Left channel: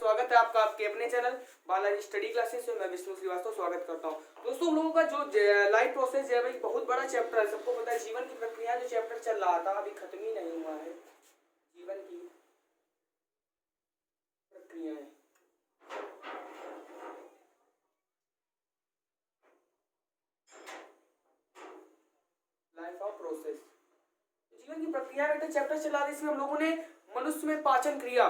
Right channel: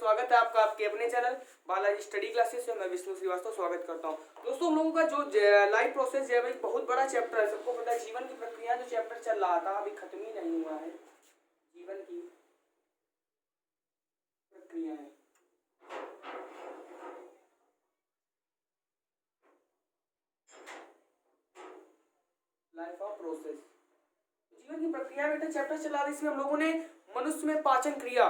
स्वागत है आपका आपके अपने चैनल बालाजी स्टडी क्लासेस में। मैं विष्णु श्रीवास्तव स्वागत करता हूं। दोस्तों, हम लोगों का जो लाइफ प्रोसेस है भाई बहुत बड़ा चैप्टर है। सबको पता है जीवन की प्रक्रिया जो चैप्टर चल रहा था अभी खत्म ही नहीं हुआ है। जीवन की प्रक्रियाएं, लाइफ ऑफ प्रोसेस, जीवन की प्रक्रिया बेटा चैप्टर चला रहा है। इसमें हम लोगों ने मनुष्य में पाचन क्रिया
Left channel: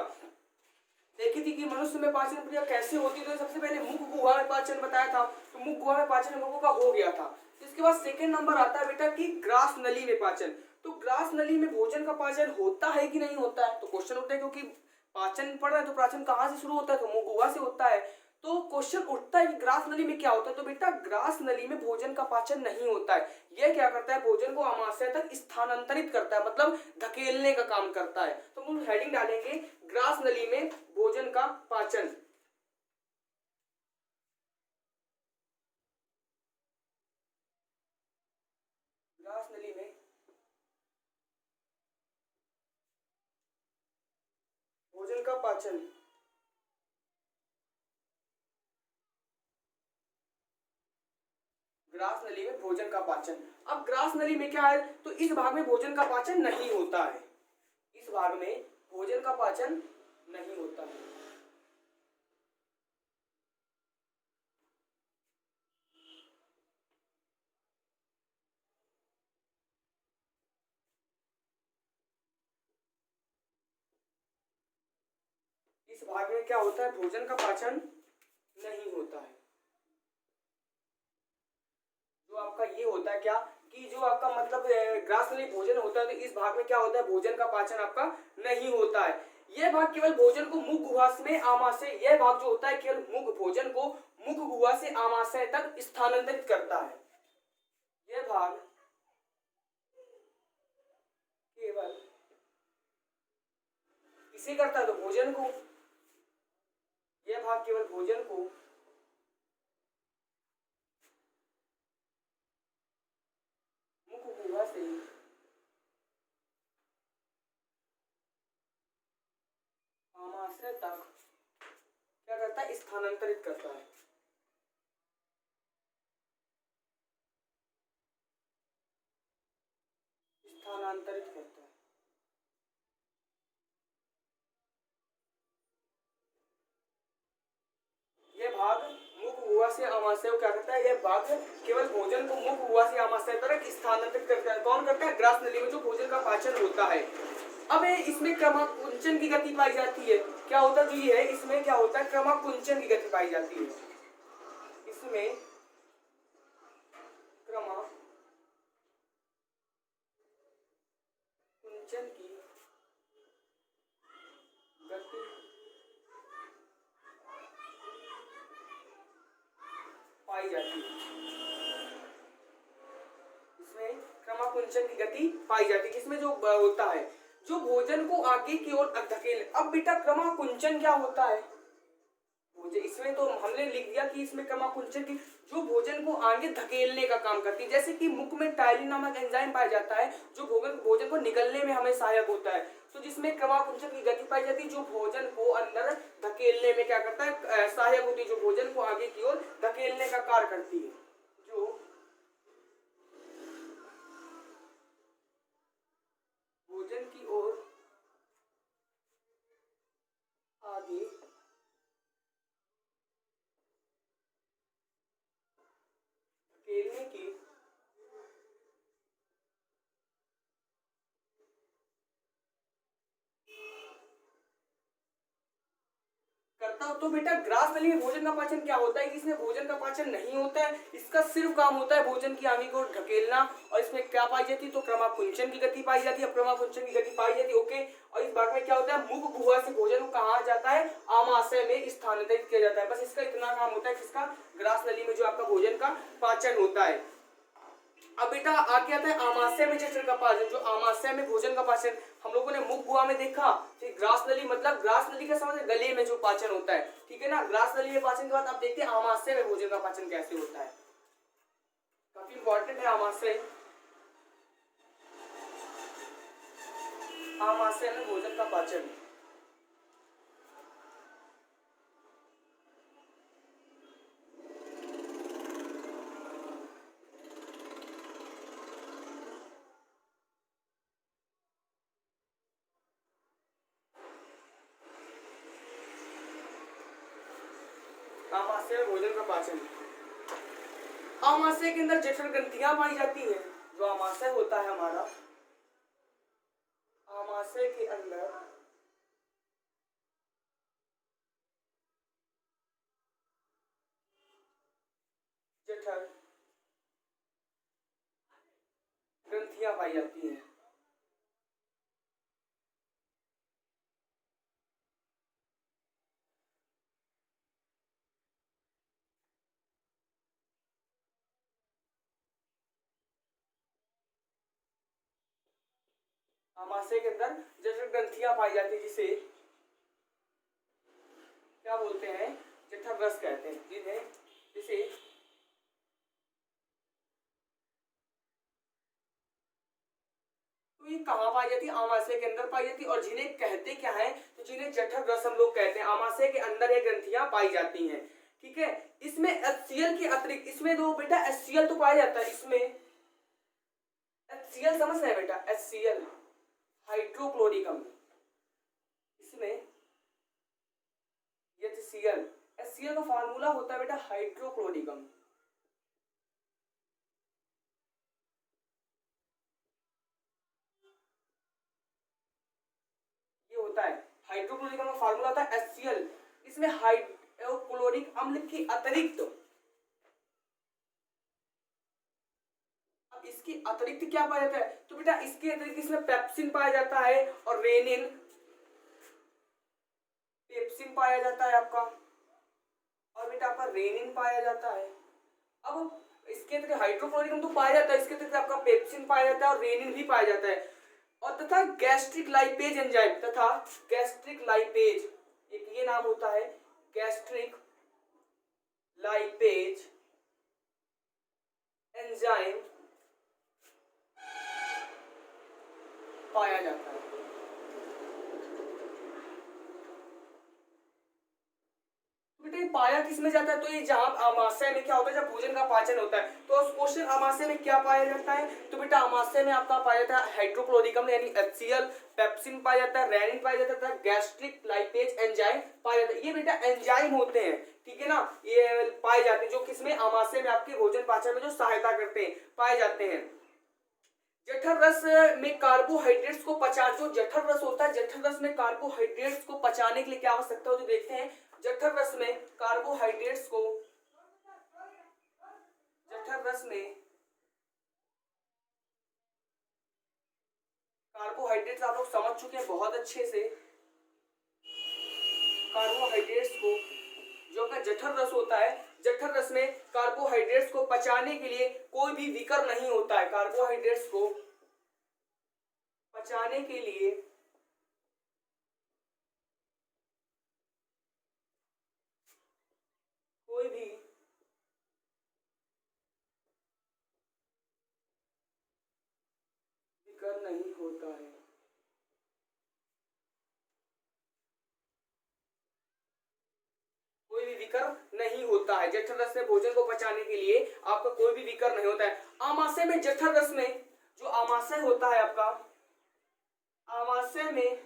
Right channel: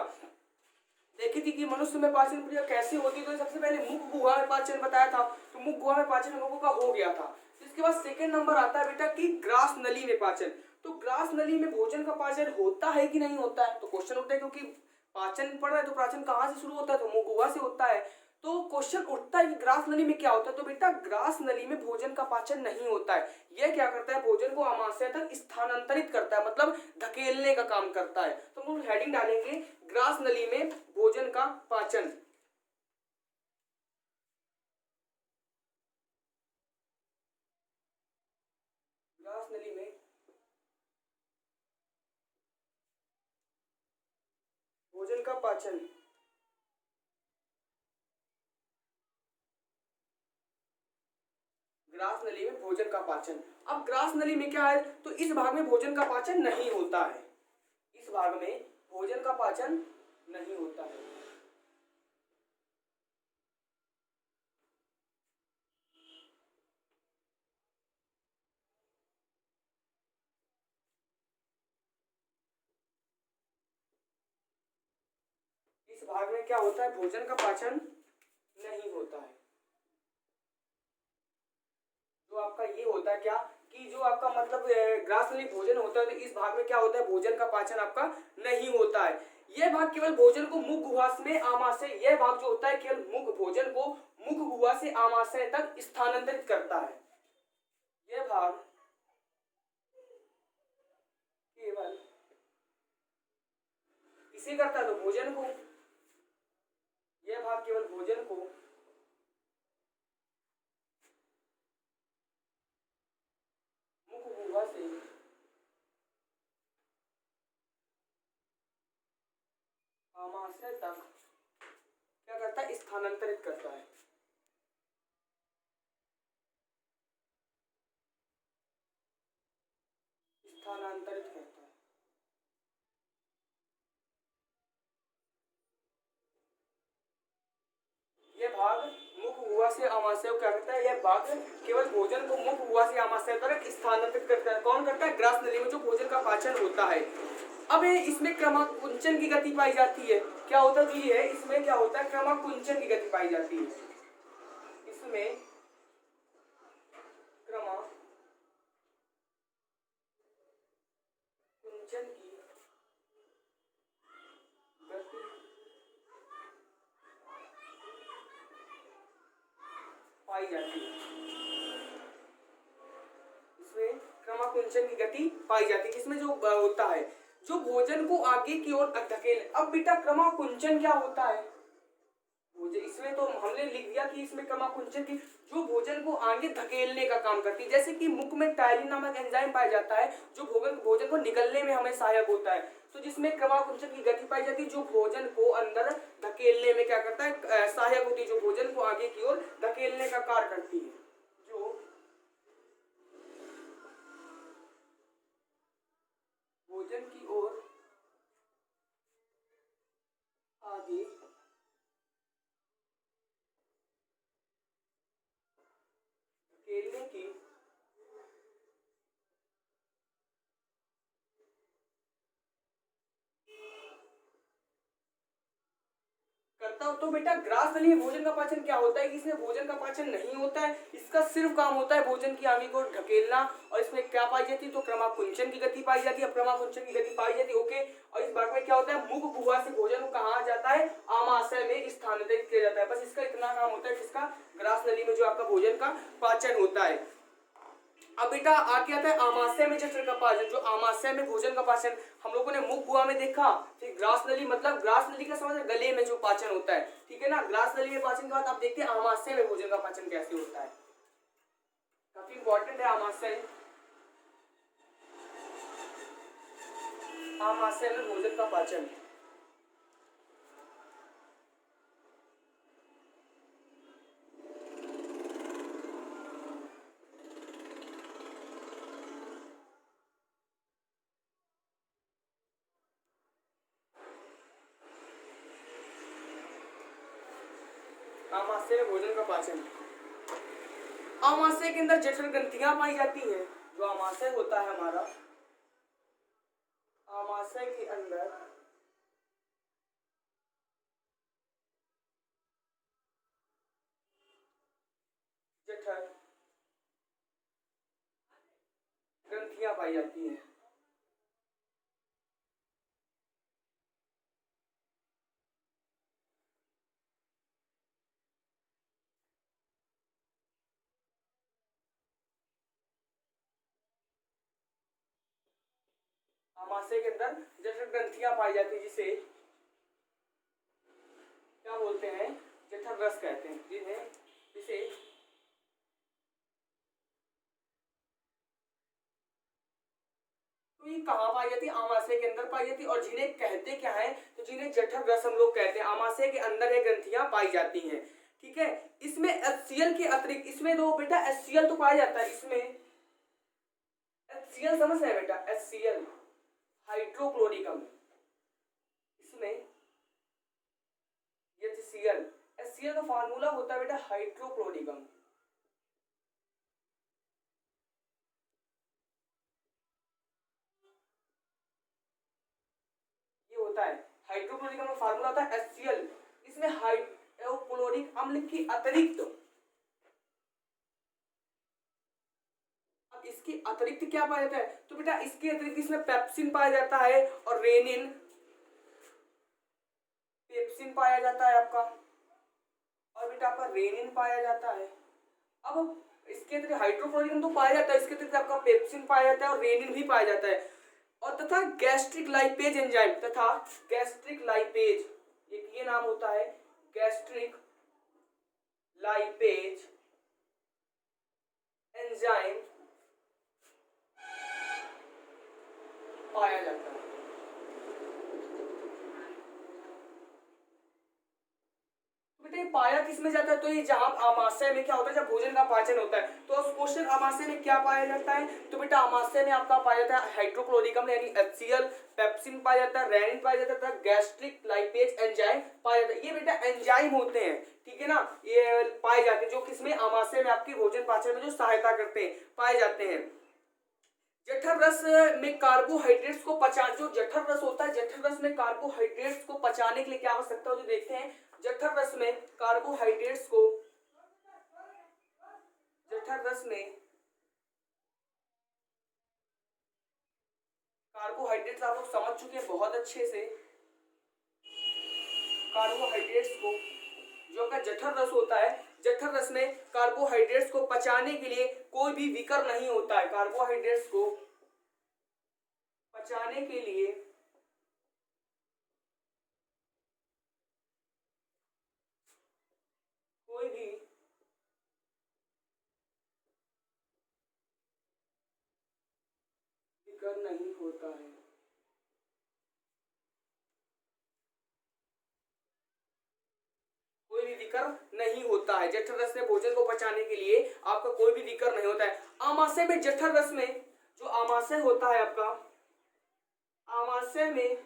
देखी थी कि मनुष्य में पाचन क्रिया कैसे होती है। तो सबसे पहले मुख गुहा में पाचन बताया था, तो मुख गुहा में पाचन हम लोगों का हो गया था। तो इसके बाद सेकंड नंबर आता है बेटा कि ग्रास नली में पाचन। तो ग्रास नली में भोजन का पाचन होता है कि नहीं होता है, तो क्वेश्चन उठता है क्योंकि पाचन पढ़ रहा है तो पाचन कहाँ से शुरू होता है, तो मुख गुहा से होता है। तो क्वेश्चन उठता है कि ग्रास नली में क्या होता है, तो बेटा ग्रास नली में भोजन का पाचन नहीं होता है। यह क्या करता है, भोजन को आमाशय तक स्थानांतरित करता है, मतलब धकेलने का काम करता है। तो हम हेडिंग डालेंगे ग्रास नली में भोजन का पाचन। ग्रास नली में भोजन का पाचन। ग्रास नली में भोजन का पाचन। अब ग्रास नली में क्या है, तो इस भाग में भोजन का पाचन नहीं होता है। इस भाग में भोजन का पाचन नहीं होता है। इस भाग में क्या होता है, भोजन का पाचन नहीं होता है। जो आपका ये होता है क्या कि जो आपका मतलब ग्रास नली भोजन होता है, तो इस भाग में क्या होता है, भोजन का पाचन आपका नहीं होता है। यह भाग केवल भोजन को मुख गुहा में आमाशय, यह भाग जो होता है केवल मुख भोजन को मुख गुहा से आमाशय तक स्थानांतरित करता है। यह भाग केवल किसे करता है, तो भोजन को। यह भाग केवल भोजन को मुख गुहा से आमाशय तक क्या करता है, स्थानांतरित करता है। स्थानांतरित करता है। यह भाग मुख गुहा से आमाशय को क्या करता है, यह भाग केवल भोजन को मुख गुहा से आमाशय तक स्थानांतरित करता है। कौन करता है, ग्रास नली में जो भोजन का पाचन होता है। अब इसमें क्रमाकुंचन की गति पाई जाती है। क्या होता है, जो ये है इसमें क्या होता है, क्रमाकुंचन की गति पाई जाती है। इसमें क्रमाकुंचन की गति पाई जाती है। इसमें क्रमाकुंचन की गति पाई जाती है। इसमें जो होता है, जो भोजन को आगे की ओर धकेल। अब बेटा क्रमाकुंचन क्या होता है, इसमें तो हमने लिख दिया कि इसमें क्रमाकुंचन की जो भोजन को आगे धकेलने का काम करती है। जैसे कि मुख में टायलिन नामक एंजाइम पाया जाता है जो भोजन को निगलने में हमें सहायक होता है। तो जिसमें क्रमाकुंचन की गति पाई जाती है, जो भोजन को अंदर धकेलने में क्या करता है, सहायक होती है, जो भोजन को आगे की ओर धकेलने का कार्य करती है। जो भोजन की ओर आगे धकेलने की करता हूं। तो बेटा ग्रास नली में भोजन का पाचन क्या होता है, इसमें भोजन का पाचन नहीं होता है। इसका सिर्फ काम होता है भोजन की आगे को ढकेलना। और इसमें क्या पाई जाती है, तो क्रमाकुंचन की गति पाई जाती है। क्रमाकुंचन की गति पाई जाती है, ओके। और इस भाग में क्या होता है, मुख गुहा से भोजन को कहा जाता है, आमाशय में स्थानांतरित किया जाता है। बस इसका इतना काम होता है किसका, ग्रास नली में जो आपका भोजन का पाचन होता है। अब बेटा आगे आता है आमाशय में जठर का पाचन। जो आमाशय में भोजन का पाचन हम लोगों ने मुख गुहा में देखा, फिर ग्रास नली, मतलब ग्रास नली का समझ गले में जो पाचन होता है, ठीक है ना। ग्रास नली में पाचन के बाद आप देखते हैं आमाशय में भोजन का पाचन कैसे होता है। काफी इंपॉर्टेंट है आमाशय। आमाशय में भोजन का पाचन। आमाशय में भोजन का पाचन। आमाशय के अंदर जठर ग्रंथियां पाई जाती हैं। जो आमाशय होता है हमारा, आमाशय के अंदर जठर ग्रंथियां पाई जाती हैं। आमाशय के अंदर जठर ग्रंथियां पाई जाती है, जिसे क्या बोलते हैं, जठर रस कहते हैं, जिसे तो ये कहाँ पाई जाती है, आमाशय के अंदर पाई जाती है। और जिन्हें कहते क्या है, तो जिन्हें जठर रस हम लोग कहते हैं। आमाशय के अंदर ये ग्रंथियां पाई जाती हैं, ठीक है। इसमें HCl के अतिरिक्त, इसमें तो बेटा HCl तो पाया जाता है, इसमें HCl समझ रहे हैं बेटा, HCl हाइड्रोक्लोरिक अम्ल, इसमें HCl, HCl का फार्मूला होता है बेटा हाइड्रोक्लोरिक अम्ल। होता है हाइड्रोक्लोरिक अम्ल का फार्मूला होता है HCl। इसमें हाइड्रोक्लोरिक अम्ल की अतिरिक्त, अब इसकी अतिरिक्त क्या पाया जाता है, तो बेटा इसके अतिरिक्त इसमें पेप्सिन पाया जाता है और रेनिन, पेप्सिन पाया जाता है आपका, और बेटा आपका रेनिन पाया जाता है। अब इसके अतिरिक्त हाइड्रोक्लोरिक अम्ल तो पाया जाता है, इसके अतिरिक्त आपका पेप्सिन पाया जाता है और रेनिन भी पाया जाता है। और तथा गैस्ट्रिक लाइपेज एंजाइम, तथा गैस्ट्रिक लाइपेज, एक ये नाम होता है गैस्ट्रिक लाइपेज एंजाइम पाया जाता है। बेटे पाया किसमें जाता है, तो ये जहां आमाशय में क्या होता है, जब भोजन का पाचन होता है, तो क्वेश्चन आमाशय में क्या पाया जाता है, तो बेटा आमाशय में आपका पाया जाता है हाइड्रोक्लोरिक अम्ल यानी HCl, पेप्सिन पाया जाता है, रेनिन पाया जाता है, गैस्ट्रिक लाइपेज एंजाइम पाया जाता है। ये बेटा एंजाइम होते हैं, ठीक है ना, ये पाए जाते हैं जो किसमें, आमाशय में आपकी भोजन पाचन में जो सहायता करते हैं, पाए जाते हैं। जठर रस में कार्बोहाइड्रेट्स को पचा, जो जठर रस होता है, जठर रस में कार्बोहाइड्रेट्स को पचाने के लिए क्या आवश्यकता हो, जो देखते हैं जठर रस में कार्बोहाइड्रेट्स को, जठर रस में कार्बोहाइड्रेट्स आप लोग समझ चुके हैं बहुत अच्छे से। कार्बोहाइड्रेट्स को, जो का जठर रस होता है, जठर रस में कार्बोहाइड्रेट्स को पचाने के लिए कोई भी विकल्प नहीं होता है। कार्बोहाइड्रेट्स को पचाने के लिए कोई भी विकल्प नहीं होता है। कोई भी विकल्प नहीं होता है जठर रस में भोजन को पचाने के लिए, आपका कोई भी विकल्प नहीं होता है। आमाशय में जठर रस में, जो आमाशय होता है आपका, आमाशय में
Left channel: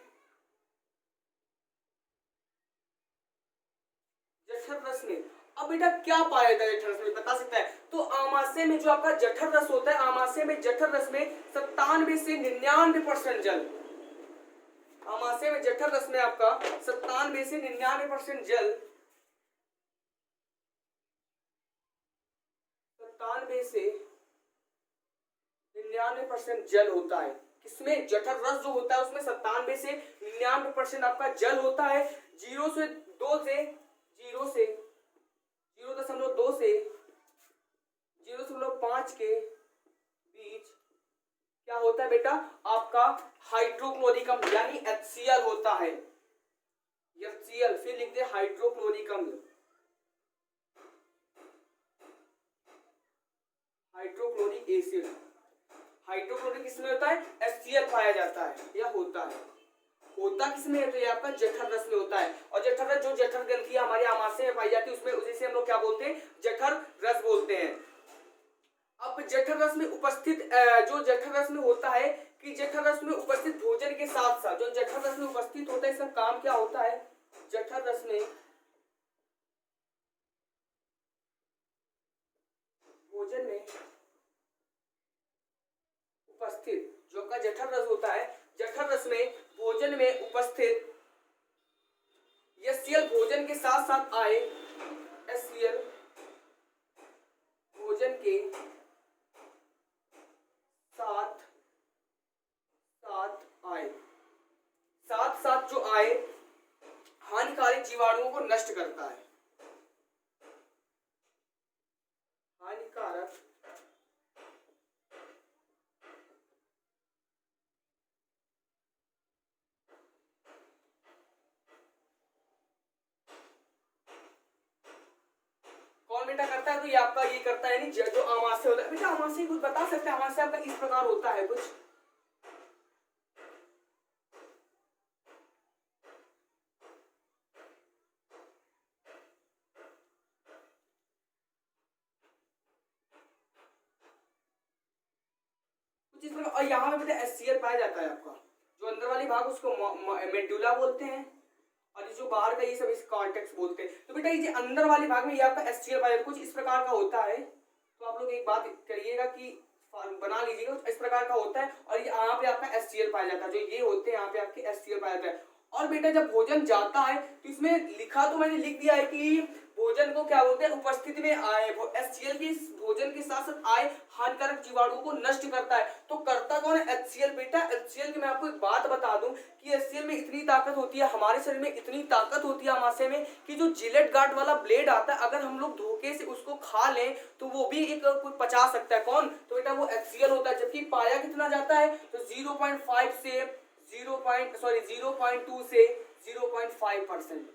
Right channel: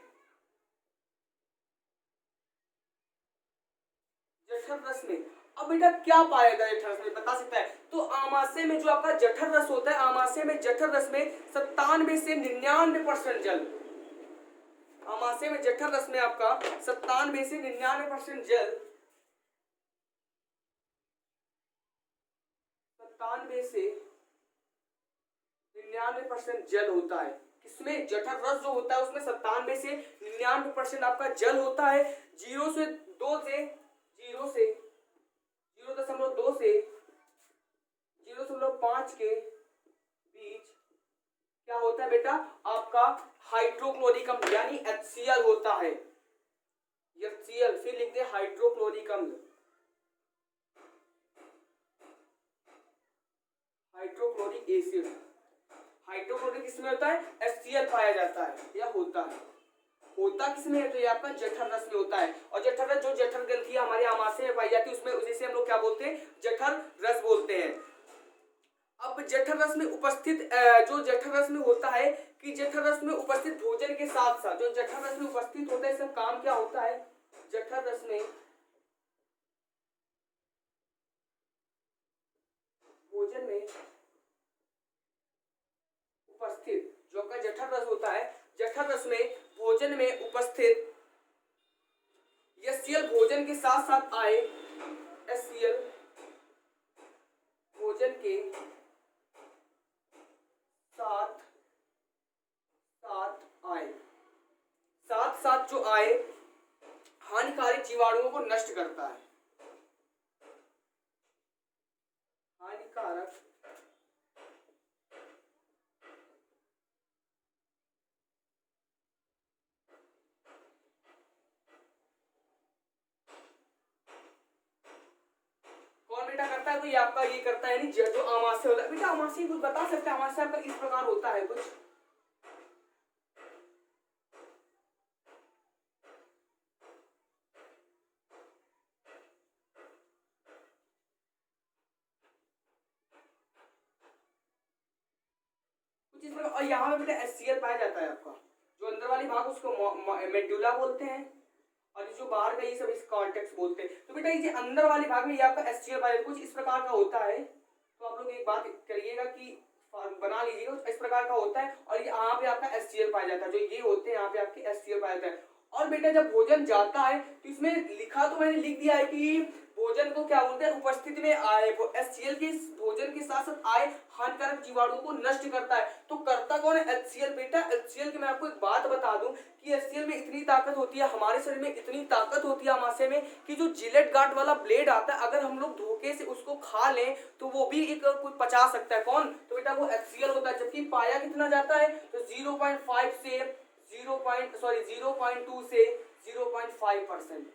जठर रस में, अब बेटा क्या पाया जाता है जठर रस में, बता सकता है, तो आमाशय में जो आपका जठर रस होता है, आमाशय में जठर रस में 97 से 99% जल, आमाशय में जठर रस में आपका 97 से 99% जल, 97 से 99% जल होता है। किसमें, जठर रस जो होता है उसमें 97 से 99% आपका जल होता है। 0.2 से 0.2 से 0.5 के बीच क्या होता है बेटा, आपका हाइड्रोक्लोरिक अम्ल यानी HCl होता है। HCl फिर लिखते हैं हाइड्रोक्लोरिक अम्ल, हाइड्रोक्लोरिक एसिड। हाइड्रोक्लोरिक किसमें होता है, HCl पाया जाता है या होता है। होता किसमें है, तो ये आपका जठर रस में होता है। और जठर रस, जो जठर ग्रंथियां हमारे आमाशय में पाई जाती है, उसमें उसे हम लोग क्या बोलते हैं, जठर रस बोलते हैं। अब जठर रस में उपस्थित, जो जठर रस में होता है कि जठर रस में उपस्थित भोजन के साथ साथ, जो जठर रस में उपस्थित होता है, इसका काम क्या होता है, जठर रस में भोजन में उपस्थित जो का जठर रस होता है, जठर रस में भोजन में उपस्थित HCl भोजन के साथ साथ आए, HCl भोजन के साथ साथ आए, साथ साथ जो आए हानिकारक जीवाणुओं को नष्ट करता है, हानिकारक कौन बेटा करता है? तो ये आपका ये करता है, नहीं जो आमाशय होता है। बेटा आमाशय कुछ बता सकते हैं? आमाशय आपका इस प्रकार होता है कुछ, कुछ इस प्रकार। और यहाँ पे बेटा HCl पाया जाता है आपका, जो अंदर वाली भाग उसको मेडुला बोलते हैं, और ये जो बाहर का ये सब इस कॉर्टेक्स बोलते हैं। तो बेटा ये जो अंदर वाली भाग में ये आपका HCl पाया जाता है, कुछ इस प्रकार का होता है। तो आप लोग एक बात करिएगा कि बना लीजिएगा, इस प्रकार का होता है, और यहाँ पे आपका HCl पाया जाता है, जो ये होते हैं यहाँ पे आपके HCl पाया जाता है। और बेटा जब भोजन जाता है तो इसमें लिखा तो मैंने लिख दिया है कि भोजन को क्या बोलते हैं, उपस्थिति में आए, HCl के भोजन के साथ साथ आए हानिकारक जीवाणुओं को नष्ट करता है। तो करता कौन है? HCl। बेटा HCl की मैं आपको एक बात बता दूं कि HCl में इतनी ताकत होती है, हमारे शरीर में इतनी ताकत होती है आमाशय में, कि जो जिलेट गार्ड वाला ब्लेड आता है, अगर हम लोग धोखे से उसको खा लें तो वो भी एक कुछ पचा सकता है। कौन? तो बेटा वो HCl होता है। जबकि पाया कितना जाता है? तो 0.5 से 0.2 से 0.5%।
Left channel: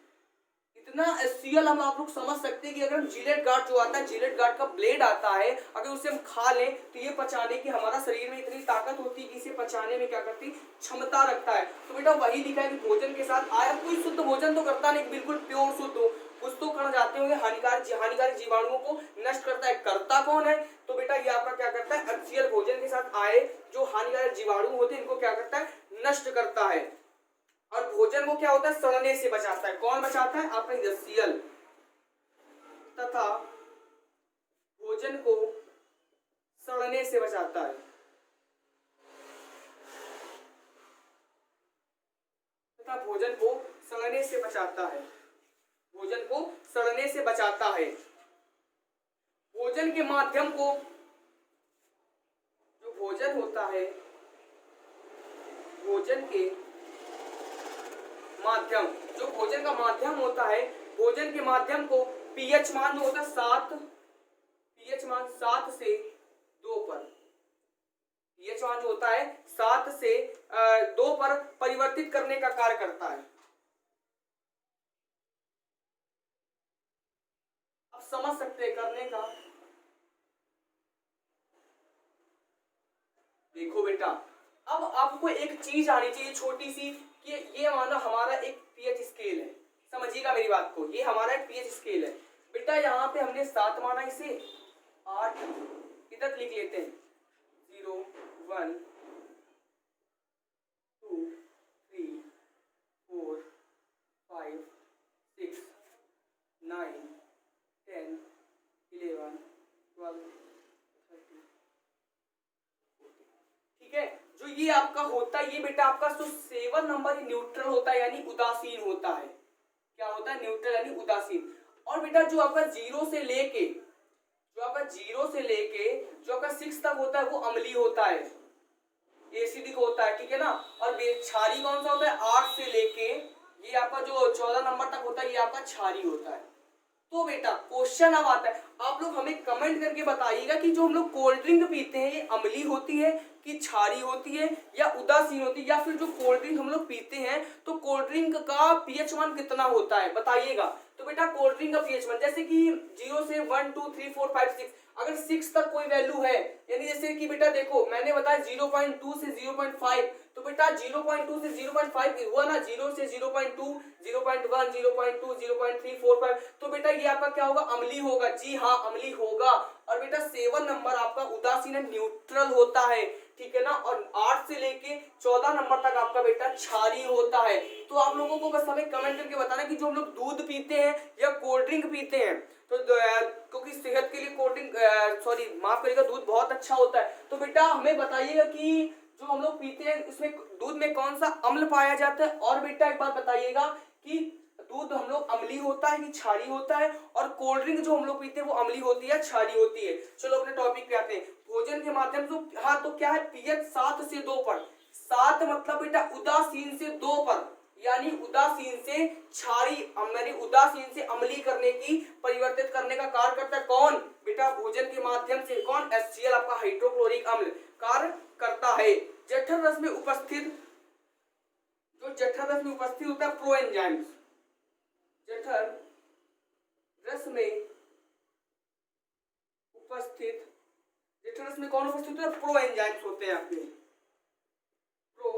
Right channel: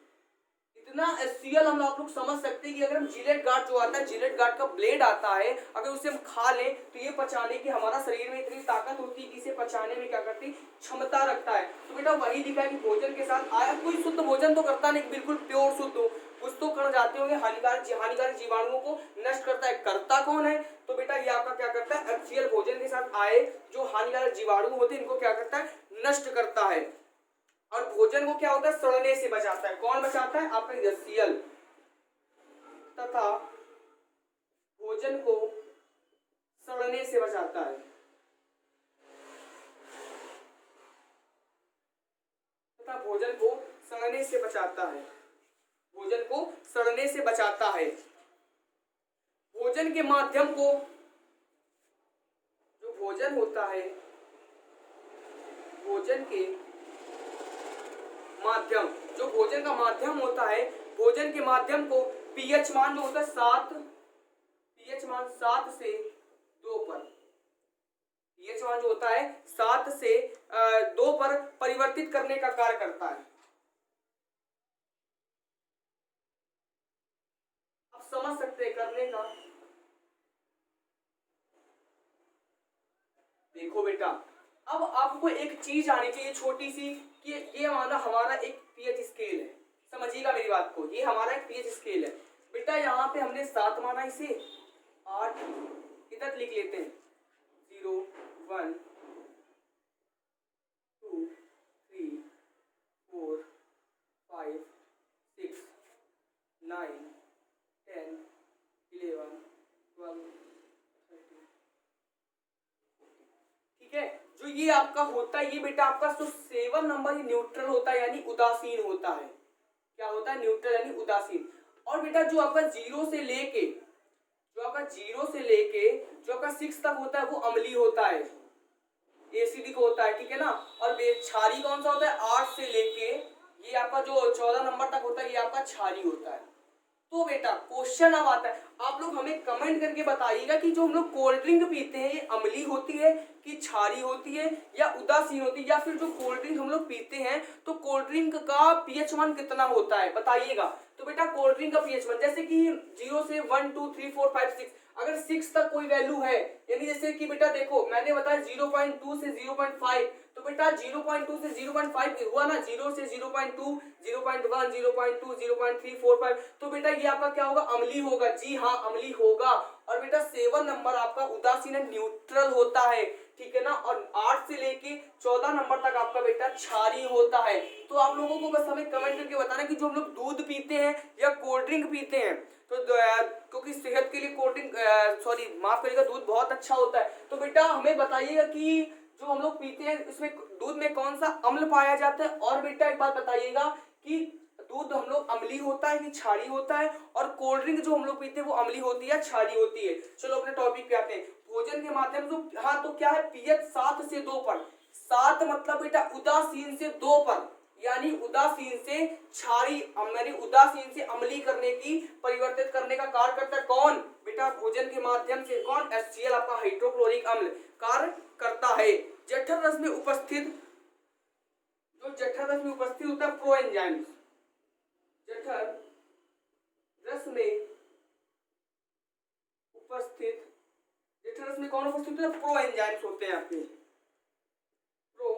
इतना HCl हम आप लोग समझ सकते हैं कि अगर हम जिलेट गार्ड जो आता है, जिलेट गार्ड का ब्लेड आता है, अगर उसे हम खा लें तो ये पचाने की हमारा शरीर में इतनी ताकत होती है कि इसे पचाने में क्या करती, क्षमता रखता है। तो बेटा वही लिखा है कि भोजन के साथ आया। कोई शुद्ध भोजन तो करता नहीं, बिल्कुल प्योर शुद्ध हो, कुछ तो कण जाते होंगे, हानिकारक जीवाणुओं को नष्ट करता है। करता कौन है? तो बेटा ये आपका क्या करता है? HCl भोजन के साथ आए जो हानिकारक जीवाणु होते हैं इनको क्या करता है? नष्ट करता है। और भोजन को क्या होता है? सड़ने से बचाता है। कौन बचाता है? आपका HCl। तथा भोजन को सड़ने से बचाता है, तथा भोजन को सड़ने से बचाता है, भोजन को सड़ने से बचाता है। भोजन के माध्यम को, जो भोजन होता है, भोजन के माध्यम, जो भोजन का माध्यम होता है, भोजन के माध्यम को pH मान जो होता है 7, pH मान 7 से 2 पर, pH मान जो होता है 7 से 2 पर परिवर्तित करने का कार्य करता है। आप समझ सकते हैं करने का। देखो बेटा अब आपको एक चीज आनी चाहिए छोटी सी, कि ये माना हमारा एक pH स्केल है, समझिएगा मेरी बात को, ये हमारा एक pH स्केल है। बेटा यहाँ पे हमने 7 माना, इसे 8 इधर लिख लेते हैं, 0 1 2 3 4 5 6 9 10 11 12 13। ठीक है, जो ये आपका होता है, ये बेटा आपका जो 7 नंबर न्यूट्रल होता है, यानी उदासीन होता है। क्या होता है? न्यूट्रल यानी उदासीन। और बेटा जो आपका 0 से लेके, जो आपका 0 से लेके जो आपका 6 तक होता है वो अम्लीय होता है, एसिडिक होता है। ठीक है ना। और क्षारी कौन सा होता है? 8 से लेके ये आपका जो 14 नंबर तक होता है ये आपका क्षारी होता है। तो बेटा क्वेश्चन अब आता है, आप लोग हमें कमेंट करके बताइएगा कि जो हम लोग कोल्ड ड्रिंक पीते हैं ये अम्लीय होती है कि क्षारी होती है या उदासीन होती है, या फिर जो कोल्ड ड्रिंक हम लोग पीते हैं तो कोल्ड ड्रिंक का pH मान कितना होता है बताइएगा। तो बेटा कोल्ड ड्रिंक का pH मान जैसे कि 0 से 1 2 3 4 5 6, अगर 6 तक कोई वैल्यू है, यानी जैसे कि बेटा देखो मैंने बताया 0.2 से 0.5, तो बेटा 0.2 से 0.5 हुआ ना, 0 से 0.2 0.1 0.2 0.3 4 5, तो बेटा ये आपका क्या होगा? अम्लीय होगा। जी हाँ अम्लीय होगा। और बेटा 7 नंबर आपका उदासीन न्यूट्रल होता है। ठीक है ना। और 8 से लेके 14 नंबर तक आपका बेटा क्षारीय होता है। तो आप लोगों को बस हमें कमेंट करके बताना कि जो हम लोग दूध पीते हैं या कोल्ड ड्रिंक पीते हैं तो क्योंकि सेहत के लिए कोल्ड ड्रिंक सॉरी माफ करिएगा दूध बहुत अच्छा होता है। तो बेटा हमें बताइएगा कि जो हम लोग पीते हैं उसमें दूध में कौन सा अम्ल पाया जाता है। और बेटा एक बात बताइएगा कि दूध हम लोग अम्लीय होता है कि क्षारीय होता है, और कोल्ड ड्रिंक जो हम लोग पीते हैं वो अम्लीय होती है क्षारीय होती है। चलो अपने टॉपिक पे आते हैं। भोजन के माध्यम से, हाँ तो क्या है पीएच 7 से 2 पर। 7 मतलब बेटा उदासीन से 2 पर, यानी उदासीन से क्षारीय यानी उदासीन से अम्लीय करने की, परिवर्तित करने का कार्य करता है कौन बेटा भोजन के माध्यम से। कौन HCl आपका हाइड्रोक्लोरिक अम्ल कार्य करता है। जठर रस में उपस्थित, जो जठर रस में उपस्थित होता है प्रो एंजाइम, जठर रस में उपस्थित, जठर रस में कौन उपस्थित होता है प्रो एंजाइम्स होते हैं आपके प्रो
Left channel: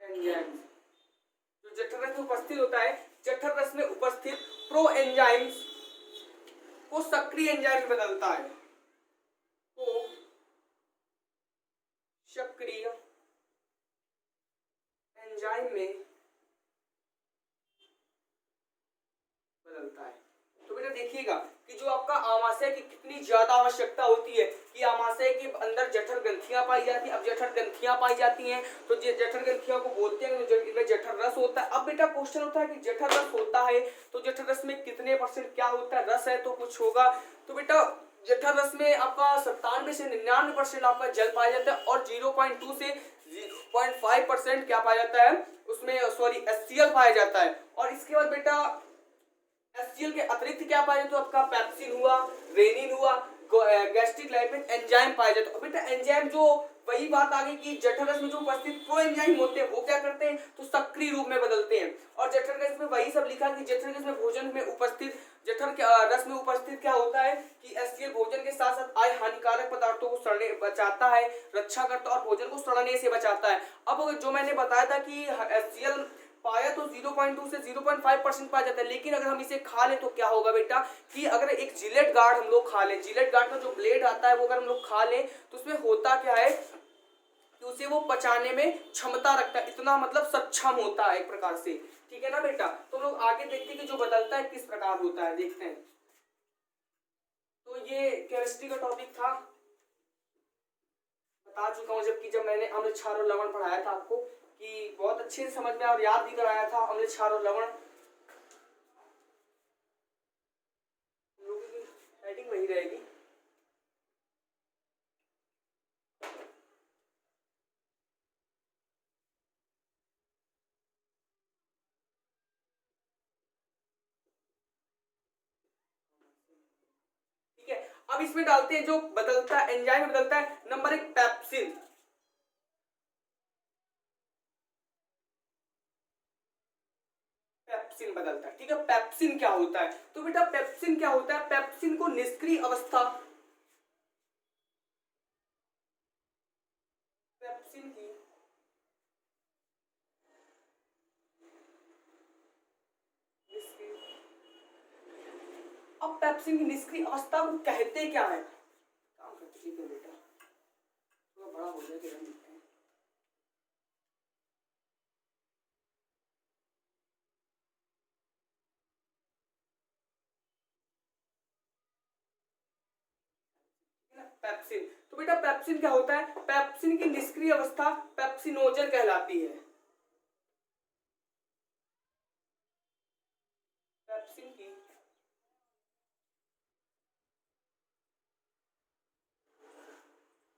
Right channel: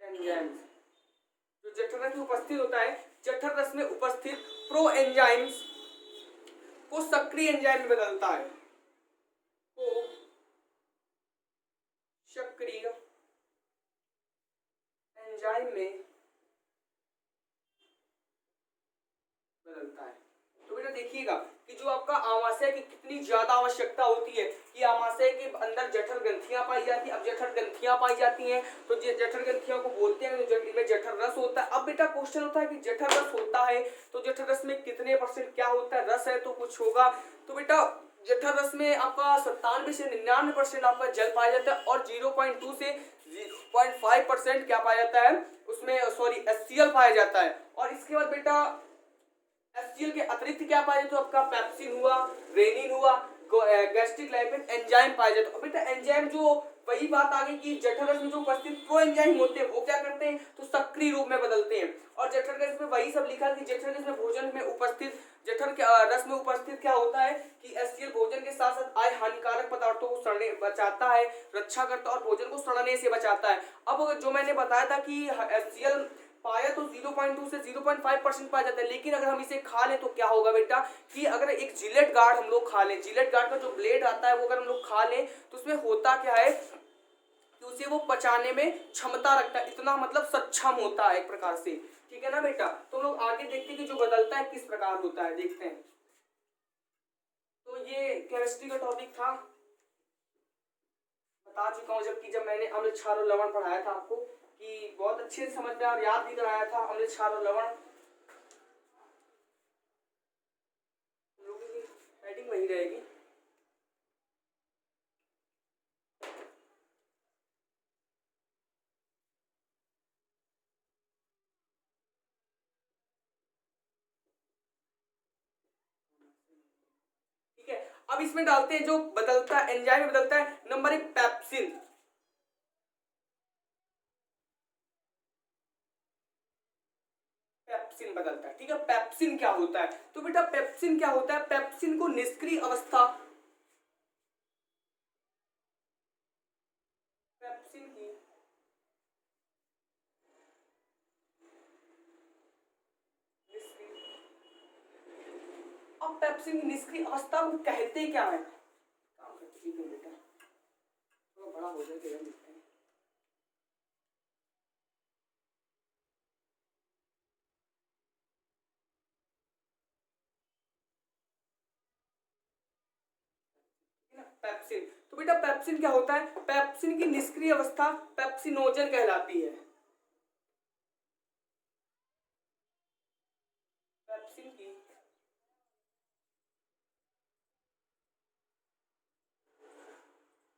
एंजाइम्स। जो जठर रस में उपस्थित होता है, जठर रस में उपस्थित प्रो एंजाइम्स को सक्रिय एंजाइम में बदलता है, को सक्रिय एंजाइम में बदलता है। तो बेटा देखिएगा कि जो आपका आमाशय की कितनी ज्यादा आवश्यकता होती है कि आमाशय के अंदर जठर ग्रंथियां पाई जाती हैं। अब जठर ग्रंथियां पाई जाती हैं तो जठर ग्रंथियों को बोलते हैं, तो इनमें जठर रस होता है। अब बेटा क्वेश्चन होता है कि जठर रस होता है तो जठर रस में कितने परसेंट क्या होता है, रस है तो कुछ होगा। तो बेटा जठर रस में आपका 97 से 99% आपका जल पाया जाता है, और 0.2 से 0.5% क्या पाया जाता है उसमें, सॉरी HCl पाया जाता है। और इसके बाद बेटा HCl के अतिरिक्त क्या पाया जाता है, तो आपका पेप्सिन हुआ, रेनिन हुआ, गैस्ट्रिक लाइपेज एंजाइम पाया जाता है। और बेटा एंजाइम जो वही बात आ गई कि जठर रस में जो उपस्थित प्रो एंजाइम होते हैं वो क्या करते हैं तो सक्रिय रूप में बदलते हैं। और जठर रस में वही सब लिखा कि जठर रस में भोजन में उपस्थित, जठर के रस में उपस्थित क्या होता है कि HCl भोजन के साथ साथ आय हानिकारक पदार्थों को सड़ने बचाता है, रक्षा करता है और भोजन को सड़ने से बचाता है। अब जो मैंने बताया था कि HCl पाया तो 0.2 से 0.5% पाया जाता है, लेकिन अगर हम इसे खा लें तो क्या होगा बेटा कि अगर एक जिलेट गार्ड हम लोग खा लें, जिलेट गार्ड का जो ब्लेड आता है वो अगर हम लोग खा लें तो उसमें होता क्या है कि उसे वो पचाने में क्षमता रखता है, इतना मतलब सक्षम होता है एक प्रकार से। ठीक है ना बेटा। तो लोग आगे देखते हैं कि जो बदलता है किस प्रकार होता है, देखते हैं। तो ये केमिस्ट्री का टॉपिक था, बता चुका हूँ, जबकि जब मैंने अम्ल क्षार और लवण पढ़ाया था आपको कि बहुत अच्छे से समझ में और याद भी कराया था अम्ल क्षार और लवण। हेडिंग वही रहेगी। ठीक है, अब इसमें डालते हैं जो बदलता है एंजाइम में बदलता है। Number 1 pepsin. पेप्सिन बदलता है। ठीक है, पेप्सिन क्या होता है तो बेटा पेप्सिन क्या होता है, पेप्सिन को निष्क्रिय अवस्था, पेप्सिन की निष्क्रिय, अब पेप्सिन की निष्क्रिय अवस्था को कहते क्या है, काम करते। ठीक है बेटा थोड़ा बड़ा हो जाए फिर लिखते हैं। पेप्सिन, तो बेटा पेप्सिन क्या होता है, पेप्सिन की निष्क्रिय अवस्था पेप्सिनोजन कहलाती है। पेप्सिन की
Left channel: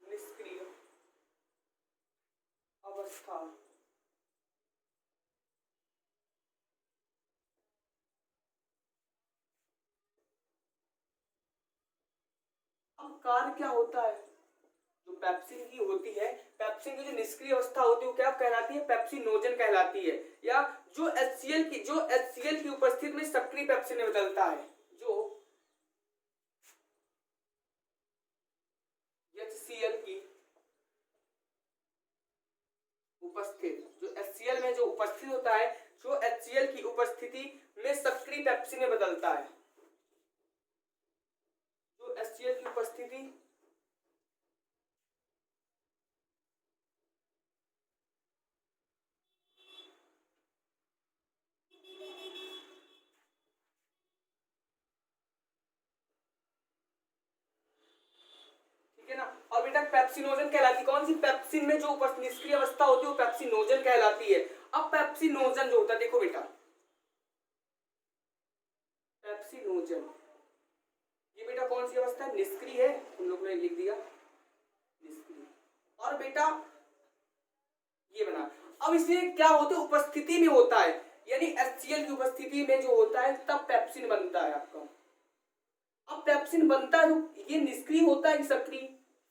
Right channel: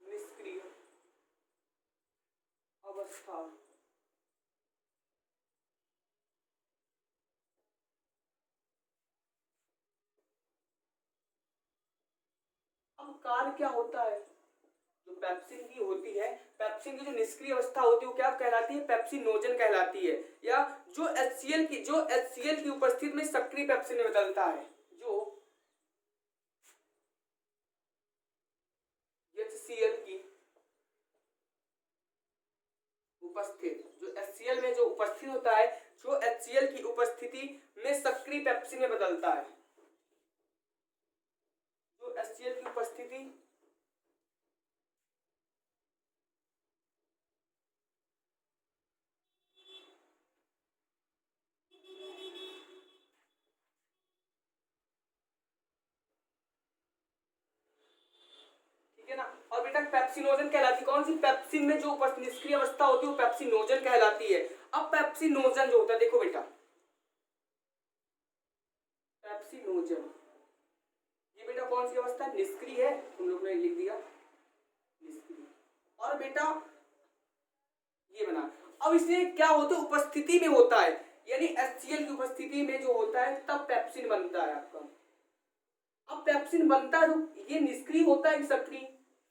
निष्क्रिय अवस्था अब कार्य क्या होता है, जो पेप्सिन की होती है, पेप्सिन की जो निष्क्रिय अवस्था होती है वो क्या कहलाती है, पेप्सिनोजन कहलाती है। या जो HCl की उपस्थिति में सक्रिय पेप्सिन में बदलता है, जो HCl की उपस्थित, जो HCl में जो उपस्थित होता है, जो HCl की उपस्थिति में सक्रिय पेप्सिन में बदलता है, जो HCl की उपस्थिति है ना। और बेटा पेप्सिनोजन कहलाती है, कौन सी, पेप्सिन में जो निष्क्रिय अवस्था होती है वो पेप्सिनोजन कहलाती है। अब पेप्सिनोजन जो होता है, देखो बेटा पेप्सिनोजन ये बेटा कौन सी अवस्था है, निष्क्रिय है, तुम लोग ने लिख दिया निष्क्रिय। और बेटा ये बना, अब इसमें क्या होता है, उपस्थिति में होता है, यानी HCl की उपस्थिति में जो होता है तब पेप्सिन बनता है आपका। अब पेप्सिन बनता है तो ये निष्क्रिय होता है कि सक्रिय,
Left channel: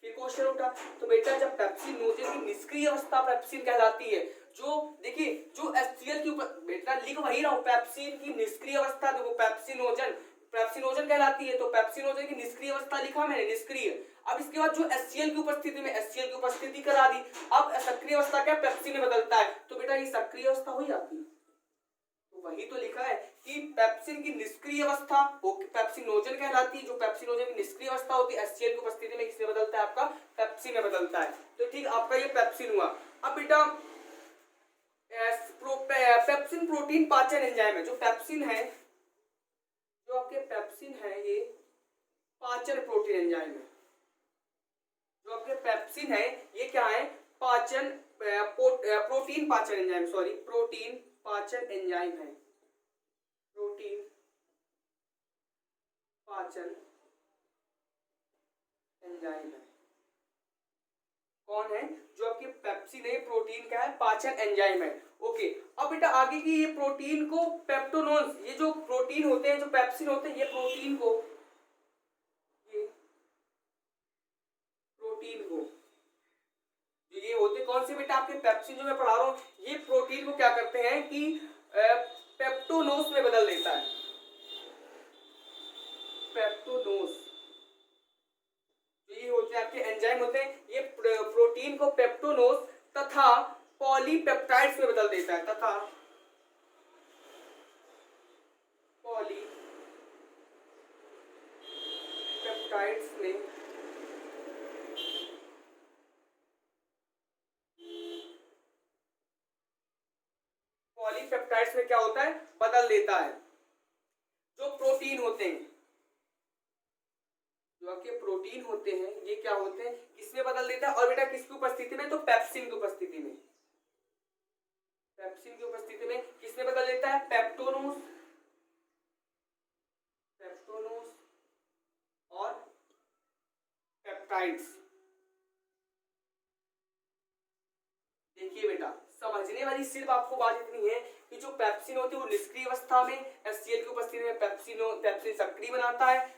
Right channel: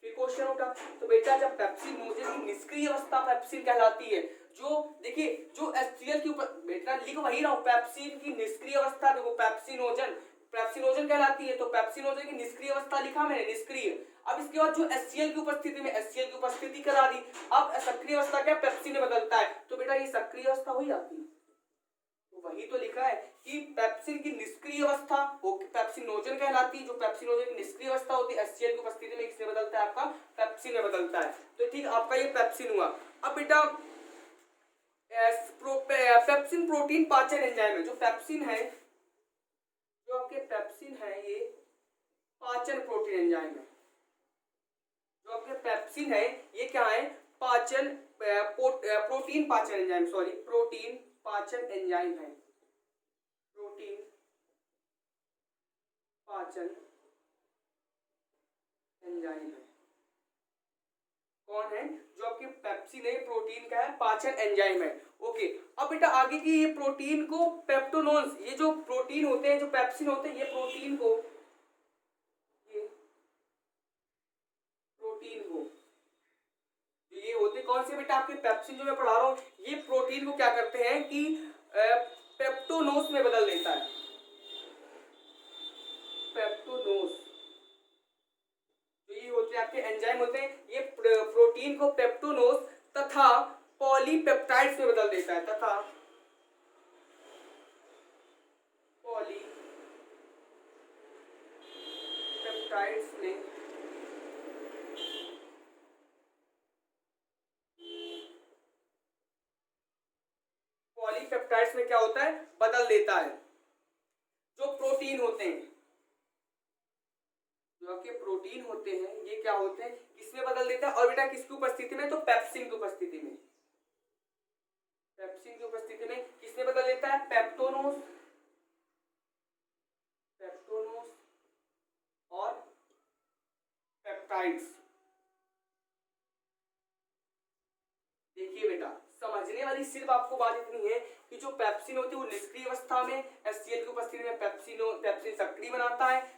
फिर क्वेश्चन उठा। तो बेटा जब पेप्सिनोजन की निष्क्रिय अवस्था पेप्सिन कहलाती है, जो देखिए जो HCl की बेटा लिख वही रहा हूं, पेप्सिन की निष्क्रिय अवस्था देखो पेप्सिनोजन, पेप्सिनोजन कहलाती है, तो पेप्सिनोजन की निष्क्रिय अवस्था लिखा मैंने निष्क्रिय। अब इसके बाद जो HCl की उपस्थिति में HCl की उपस्थिति करा दी, अब सक्रिय अवस्था क्या पेप्सिन में बदलता है, तो बेटा ये सक्रिय अवस्था हुई आपकी। तो वही तो लिखा है कि पेप्सिन की निष्क्रिय अवस्था वो पेप्सिनोजन कहलाती है, जो पेप्सिनोजन की निष्क्रिय अवस्था होती है HCl की उपस्थिति में किसमें बदलता है, आपका पेप्सिन में बदलता है। तो ठीक, आपका ये पेप्सिन हुआ। अब बेटा पेप्सिन प्रोटीन पाचन एंजाइम है, जो पेप्सिन है, जो आपके पेप्सिन है ये पाचन प्रोटीन एंजाइम है, जो आपके पेप्सिन है ये क्या है, पाचन प्रोटीन पाचन एंजाइम, सॉरी प्रोटीन पाचन एंजाइम है, प्रोटीन पाचन एंजाइम है। कौन है, जो आपके पेप्सिन है प्रोटीन का है, पाचन एंजाइम है। ओके, अब बेटा आगे की ये प्रोटीन को पेप्टोनोन्स, ये जो प्रोटीन होते हैं जो पेप्सिन होते हैं, ये प्रोटीन को ये होते कौन से बेटा, आपके पेप्सिन जो मैं पढ़ा रहा हूं, ये प्रोटीन को क्या करते हैं कि पेप्टोनोस में बदल देता है, पेप्टोनोस। ये होते हैं आपके एंजाइम होते हैं, ये प्रोटीन को पेप्टोनोस तथा पॉलीपेप्टाइड्स में बदल देता है, तथा पॉलीपेप्टाइड्स में पॉलीपेप्टाइड्स में क्या होता है, बदल देता है। जो प्रोटीन होते हैं, जो आपके प्रोटीन होते हैं ये क्या होते हैं, किसमें बदल देता है, और बेटा किसकी उपस्थिति में, तो पेप्सिन की उपस्थिति में, पेप्सिन की उपस्थिति में किसमें बदल देता है, पेप्टोनोस, पेप्टोनोस और पेप्टाइड्स। देखिए बेटा समझने वाली सिर्फ आपको बात इतनी है कि जो पेप्सिन होती है वो निष्क्रिय अवस्था में HCl की उपस्थिति में पेप्सिन सक्रिय बनाता है।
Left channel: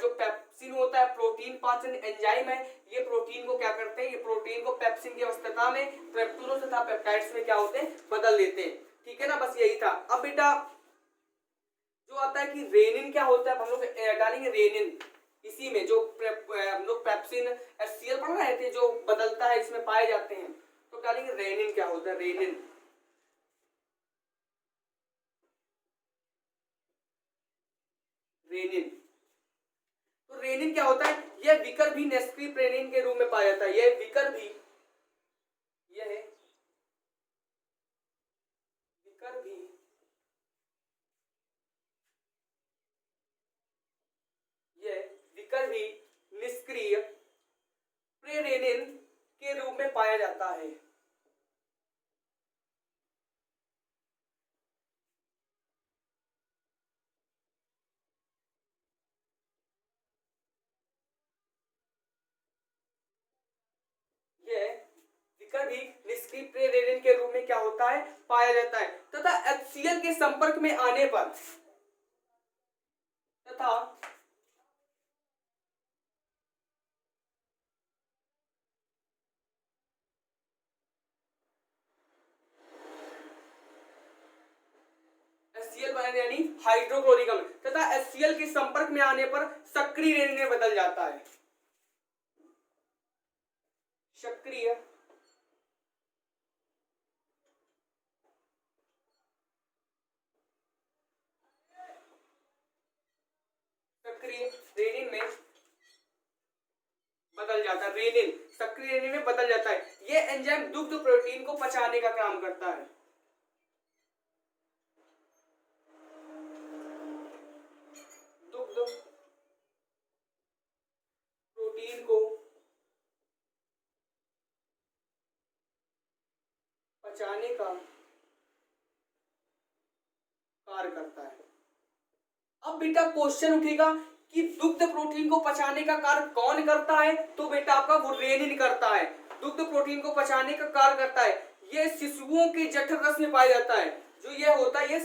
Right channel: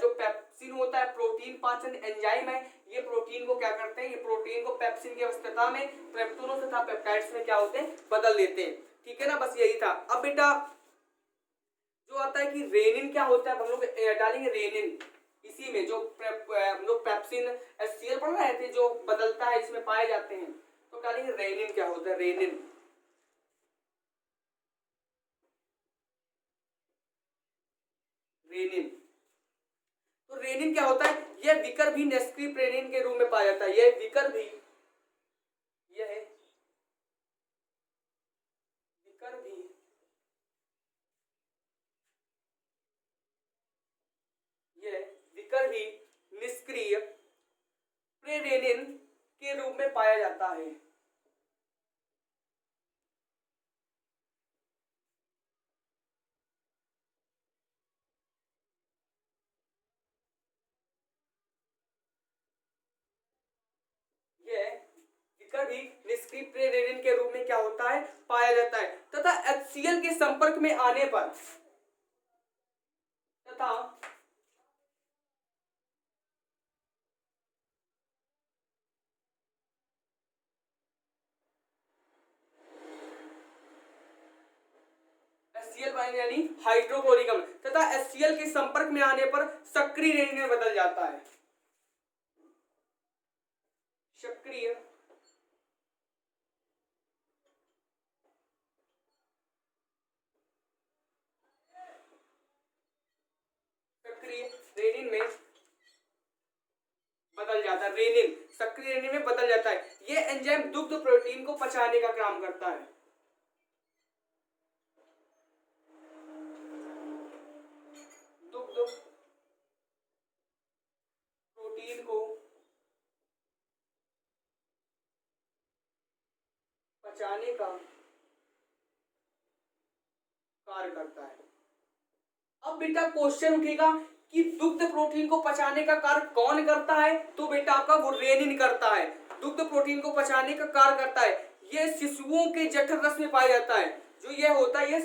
जो पेप्सिन होता है प्रोटीन पाचन एंजाइम है, ये प्रोटीन को क्या करते हैं, ये प्रोटीन को पेप्सिन की अवस्था में पेप्टोनोस तथा पेप्टाइड्स में क्या होते हैं, बदल देते हैं। ठीक है ना, बस यही था। अब बेटा जो आता है कि रेनिन क्या होता है, हम लोग डालेंगे रेनिन, इसी में जो हम लोग पेप्सिन HCl पढ़ रहे थे जो बदलता है इसमें पाए जाते हैं, तो डालेंगे रेनिन क्या होता है, रेनिन। रेनिन, तो रेनिन क्या होता है, यह विकर भी निष्क्रिय रेनिन के रूप में पाया जाता है, यह विकर भी, यह विकर भी यह विकर भी निष्क्रिय प्रेरेनिन के रूप में पाया जाता है। यह विकर भी निष्क्रिय प्रेरेनिन के रूप में क्या होता है, पाया जाता है, तथा HCl के संपर्क में आने पर, तथा HCl यानी हाइड्रोक्लोरिक अम्ल, तथा HCl के संपर्क में आने पर सक्रिय रेनिन में बदल जाता है, सक्रिय सक्रिय रेनिन में बदल जाता है, रेनिन सक्रिय रेनिन में बदल जाता है। ये एंजाइम दुग्ध प्रोटीन को पचाने का काम करता है, दुग्ध प्रोटीन को पचाने का कार्य करता है। अब बेटा क्वेश्चन उठेगा कि दुग्ध प्रोटीन को पचाने का कार्य कौन करता है, तो बेटा आपका वो रेनिन करता है। दुग्ध प्रोटीन को पचाने का कार्य करता है, ये शिशुओं के जठर रस में पाया जाता है। जो ये होता है ये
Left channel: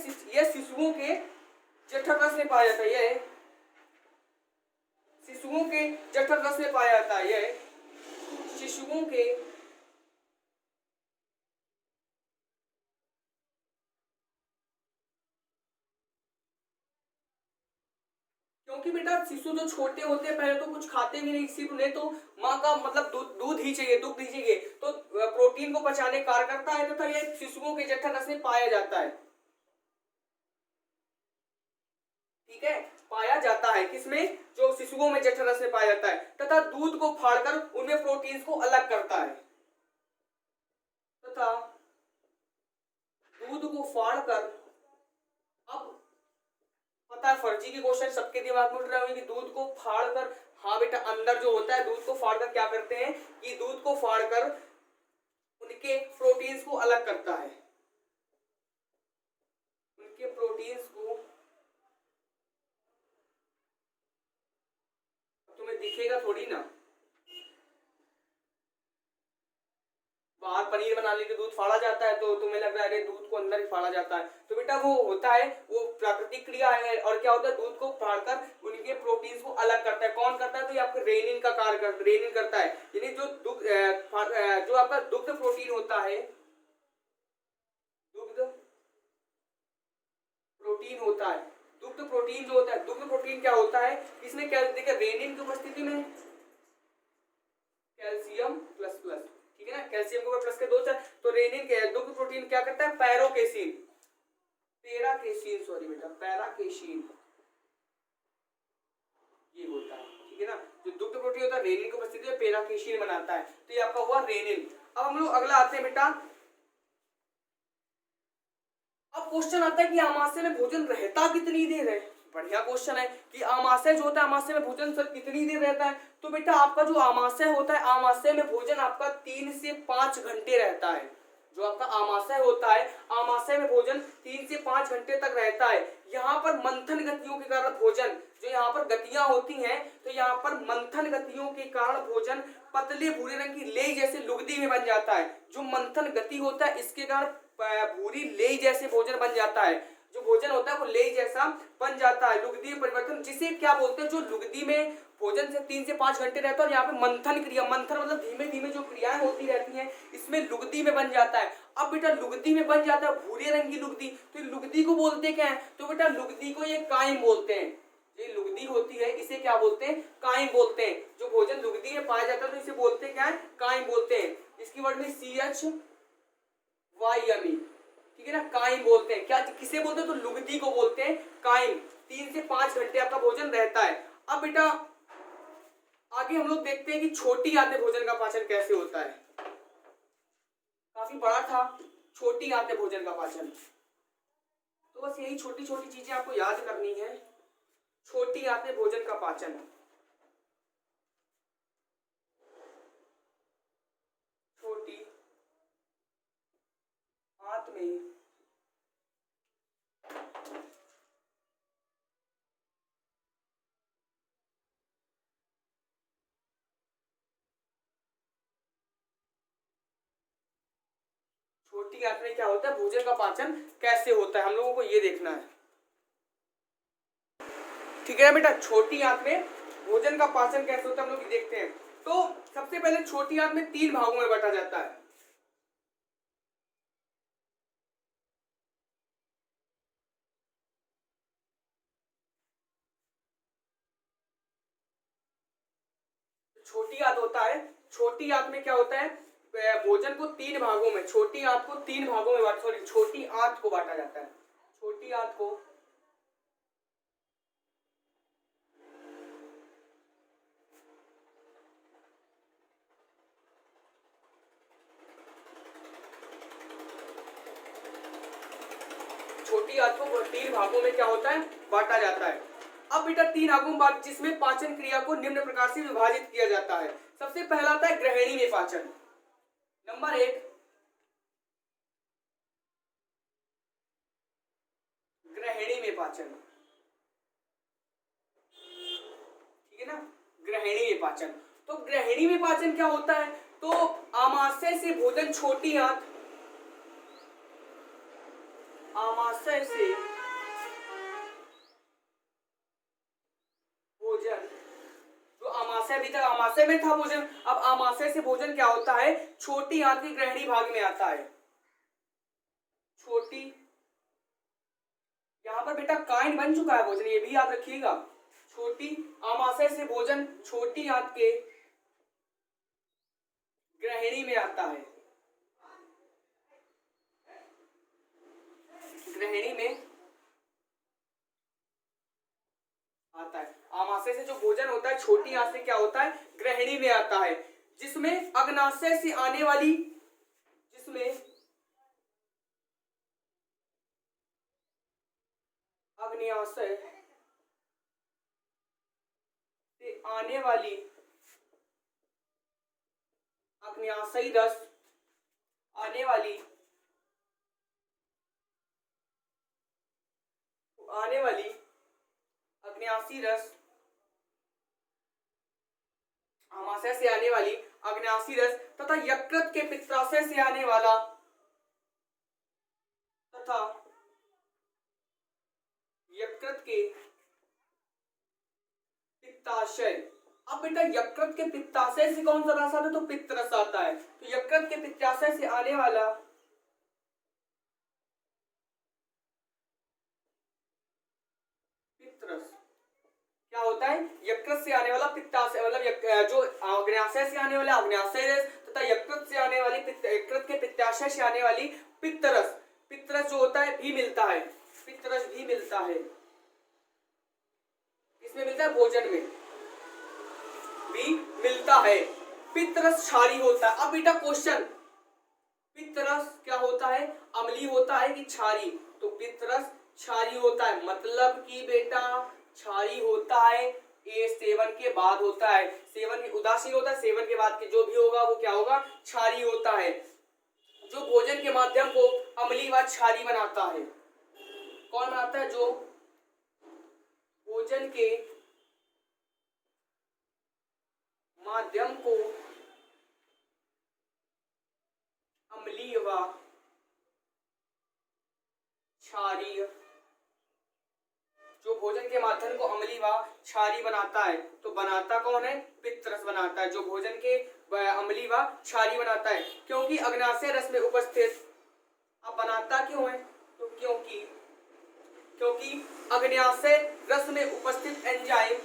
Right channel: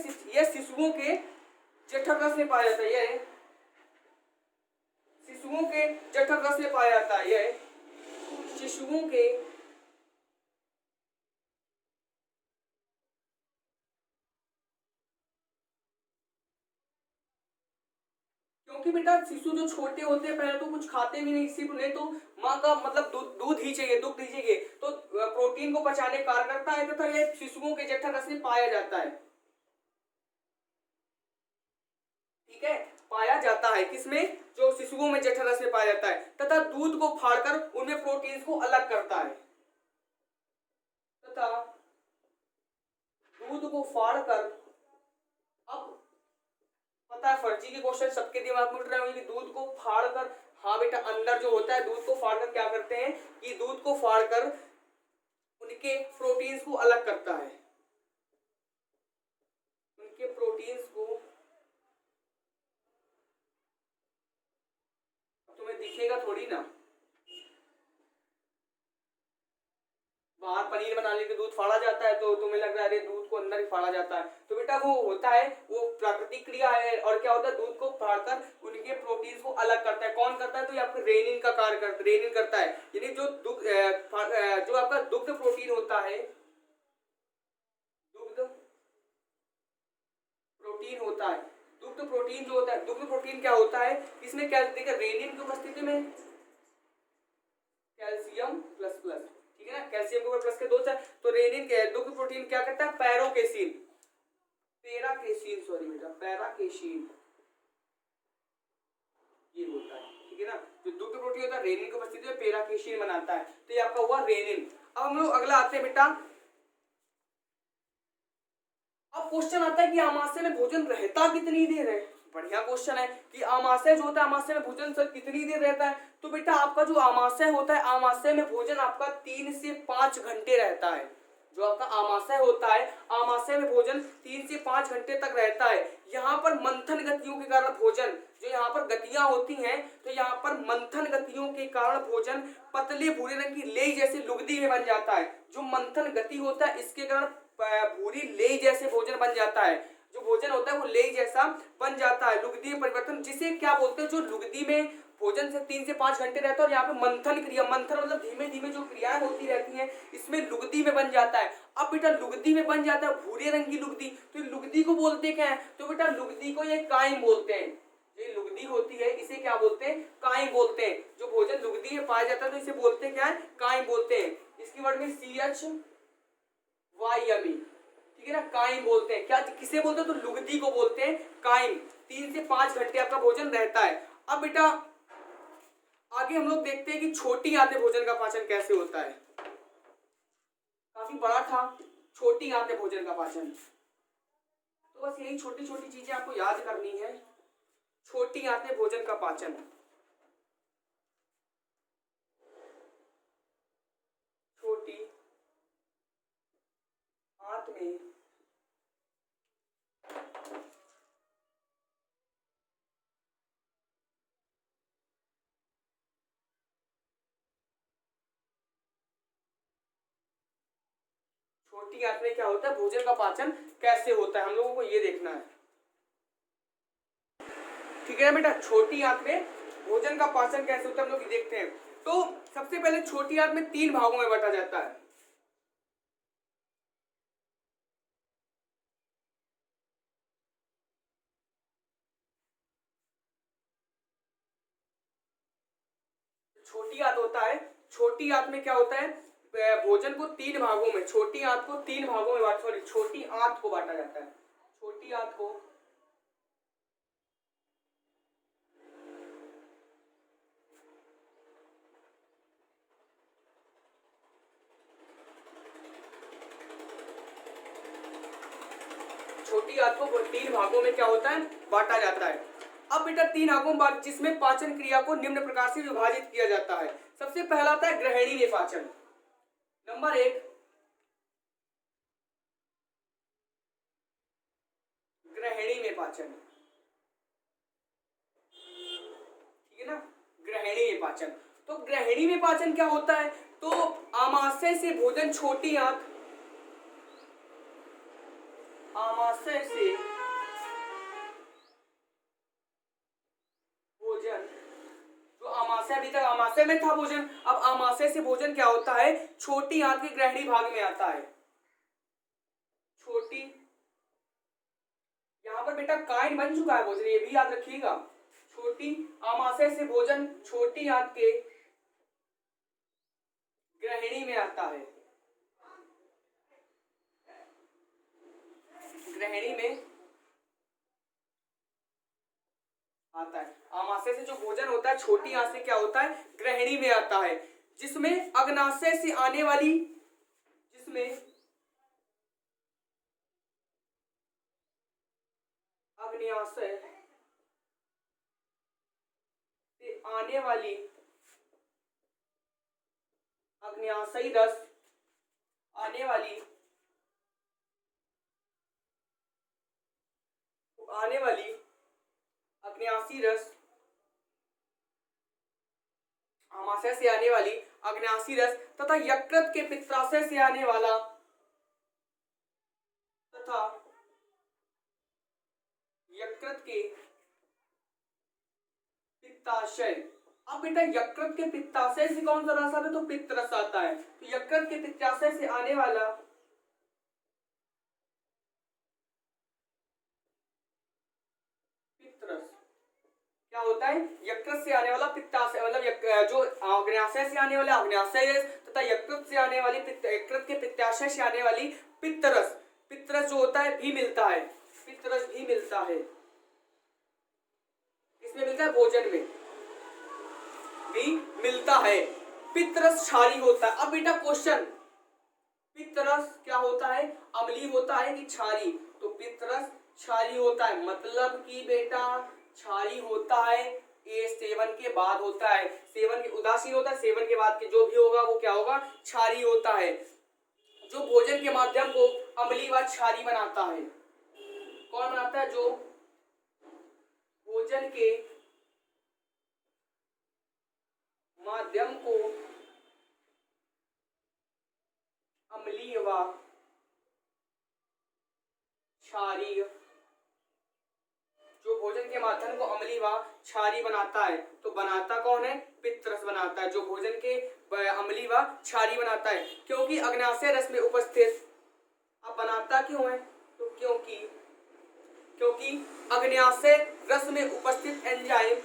शिशुओं के जठर रस में पाया जाता है, ये शिशुओं के जठर रस में पाया जाता है, ये शिशुओं के क्योंकि बेटा शिशु जो छोटे होते हैं पहले तो कुछ खाते भी नहीं, सिर्फ उन्हें तो माँ का मतलब दूध ही चाहिए, दुग्ध ही चाहिए, तो प्रोटीन को पचाने कार्य करता है तथा यह शिशुओं के जठर रस में पाया जाता है। ठीक है, पाया जाता है किसमें, जो शिशुओं में जठर रस में पाया जाता है, तथा दूध को फाड़कर उनमें प्रोटीन को अलग करता है, तथा दूध को फाड़कर, अब पता है फर्जी के क्वेश्चन सबके दिमाग में उठ रहे होंगे कि दूध को फाड़कर, हाँ बेटा अंदर जो होता है दूध को फाड़कर क्या करते हैं कि दूध को फाड़कर उनके प्रोटीन्स को अलग करता है, उनके प्रोटीन्स को, तुम्हें दिखेगा थोड़ी ना, बाहर पनीर बनाने के दूध फाड़ा जाता है तो तुम्हें लग रहा है अरे दूध को अंदर ही फाड़ा जाता है, तो बेटा वो होता है, वो प्राकृतिक क्रिया है, और क्या होता है दूध को फाड़कर उनके प्रोटीन्स को अलग करता है। कौन करता है, तो ये आपका रेनिन का कार्य रेनिन करता है। यानी जो आपका दुग्ध प्रोटीन होता है, दुग्ध प्रोटीन होता है, दुग्ध प्रोटीन जो होता है, दुग्ध प्रोटीन क्या होता है, इसमें क्या देखा रेनिन की उपस्थिति में कैल्शियम प्लस प्लस, ठीक है ना, कैल्शियम के ऊपर प्लस के दो चार, तो रेनिन के दुग्ध प्रोटीन क्या करता है, पैराकेसीन पैराकेशीन ये होता है, ठीक है ना, जो दुग्ध प्रोटीन होता है रेनिन की उपस्थिति में पैराकेशीन बनाता है, तो ये आपका हुआ रेनिन। अब हम लोग अगला आते हैं बेटा, अब क्वेश्चन आता है कि आमाशय में भोजन रहता कितनी देर है। बढ़िया क्वेश्चन है कि आमाशय जो होता है, आमाशय में भोजन सर कितनी देर रहता है, तो बेटा आपका जो आमाशय होता है, आमाशय में भोजन आपका 3 से 5 घंटे रहता है। जो आपका आमाशय होता है, आमाशय में भोजन 3 से 5 घंटे तक रहता है। यहाँ पर मंथन गतियों के कारण भोजन, जो यहाँ पर गतियां होती हैं, तो यहाँ पर मंथन गतियों के कारण भोजन पतले भूरे रंग की लेई जैसे लुगदी में बन जाता है। जो मंथन गति होता है इसके कारण भूरी लेई जैसे भोजन बन जाता है, जो भोजन होता है वो लेई जैसा बन जाता है, लुगदी में परिवर्तन, जिसे क्या बोलते हैं, जो लुगदी में भोजन से 3 से 5 घंटे रहता है, और यहाँ पे मंथन क्रिया, मंथन मतलब धीमे धीमे जो क्रियाएं होती रहती हैं, इसमें लुगदी में बन जाता है। अब बेटा लुगदी में बन जाता है भूरे रंग की लुगदी, तो लुगदी को बोलते क्या है, तो बेटा लुगदी को ये काइम बोलते हैं। ये लुगदी होती है इसे क्या बोलते हैं, काइम बोलते हैं। जो भोजन लुगदी में पाया जाता है तो इसे बोलते क्या है, काइम बोलते हैं। इसकी वर्ड में CHYME, ठीक है ना, काइम बोलते हैं। क्या किसे बोलते हैं, तो लुगदी को बोलते हैं काइम। 3 से 5 घंटे आपका भोजन रहता है। अब बेटा आगे हम लोग देखते हैं कि छोटी आंतें भोजन का पाचन कैसे होता है। काफी बड़ा था छोटी आंतें भोजन का पाचन, तो बस यही छोटी छोटी चीजें आपको याद करनी है। छोटी आंतें भोजन का पाचन, छोटी आंत में छोटी आंत में क्या होता है, भोजन का पाचन कैसे होता है, हम लोगों को ये देखना है, ठीक है ना बेटा। छोटी आंत में भोजन का पाचन कैसे होता है हम लोग देखते हैं। तो सबसे पहले छोटी आंत में 3 भागों में बांटा जाता है। छोटी आंत होता है, छोटी आंत में क्या होता है, भोजन को 3 भागों में, छोटी आंत को 3 भागों में छोटी आंत को बांटा जाता है। छोटी आंत को छोटी आंत को 3 भागों में क्या होता है, बांटा जाता है। अब बेटा 3 भागों में, जिसमें पाचन क्रिया को निम्न प्रकार से विभाजित किया जाता है। सबसे पहला आता है ग्रहणी में पाचन। नंबर 1 ग्रहणी में पाचन, ठीक है ना, ग्रहणी में पाचन। तो ग्रहणी में पाचन क्या होता है, तो आमाशय से भोजन छोटी आंत, आमाशय से भोजन, जो आमाशय, अभी तक आमाशय में था भोजन, अब आमाशय से भोजन क्या होता है, छोटी आंत की ग्रहणी भाग में आता है। छोटी, यहां पर बेटा काइंड बन चुका है भोजन, ये भी याद रखिएगा। छोटी आमाशय से भोजन छोटी आंत के ग्रहणी में आता है, ग्रहणी में आता है। आमाशय से जो भोजन होता है छोटी आंत से क्या होता है, ग्रहणी में आता है, जिसमें अग्नाशय से आने वाली, जिसमें अग्नाशय से आने वाली अग्नाशयी रस, आने वाली अग्नाशी रस, आमाशय से आने वाली अग्नाशी रस तथा यकृत के पित्ताशय से आने वाला, तथा यकृत के पित्ताशय। अब बेटा यकृत के पित्ताशय से कौन सा रस आता है, तो पित्त रस आता है। तो यकृत के पित्ताशय से आने वाला पित्त रस क्या होता है, यकृत से आने वाला पित्ताशय, मतलब जो अग्नाशय से आने वाला अग्नाशय रस तथा यकृत से आने वाली यकृत के पित्ताशय से आने वाली पित्त रस। पित्त रस जो होता है भी मिलता है, पित्त रस भी मिलता है, इसमें मिलता है, भोजन में भी मिलता है। पित्त रस क्षारीय होता है। अब बेटा क्वेश्चन, पित्त रस क्या होता है, अम्लीय होता है कि क्षारीय, तो पित्त रस क्षारीय होता है, मतलब कि बेटा क्षारीय होता है, ये सेवन के बाद होता है, सेवन के उदासीन होता है, सेवन के बाद के जो भी होगा वो क्या होगा, क्षारीय होता है, जो भोजन के माध्यम को अम्लीय व क्षारीय बनाता है। कौन बनाता है, जो भोजन के माध्यम को अम्लीय व क्षारीय, जो भोजन के माध्यम को अम्लीय व क्षारीय बनाता है, तो बनाता कौन है, पित्त रस बनाता है, जो भोजन के अम्लीय व क्षारीय बनाता है। क्योंकि अग्नाशय रस में उपस्थित, अब बनाता क्यों है, तो क्योंकि अग्नाशय रस में उपस्थित एंजाइम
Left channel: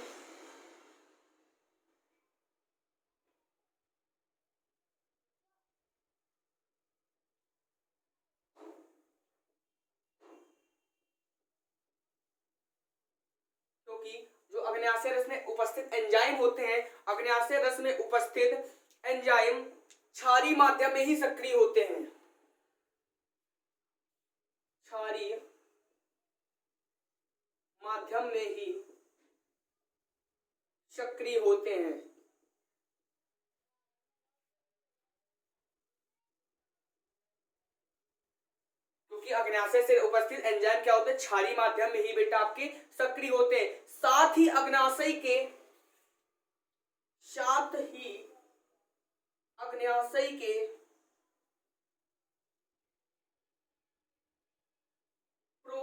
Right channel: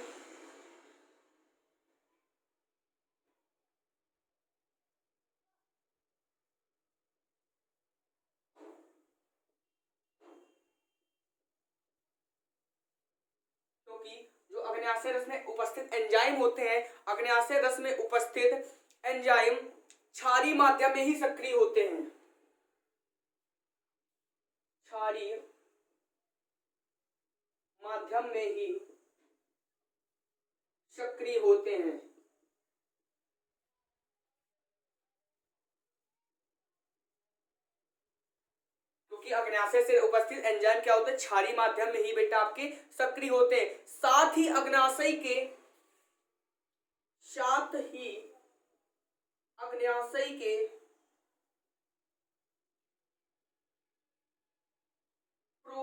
जो अग्नाशय रस में उपस्थित एंजाइम होते हैं, अग्नाशय रस में उपस्थित एंजाइम क्षारीय माध्यम में ही सक्रिय होते हैं, क्षारीय माध्यम में ही सक्रिय होते हैं। क्योंकि अग्नाशय से उपस्थित एंजाइम क्या होते हैं, क्षारीय माध्यम में ही बेटा आपके सक्रिय होते हैं। साथ ही अग्नाशय के प्रो,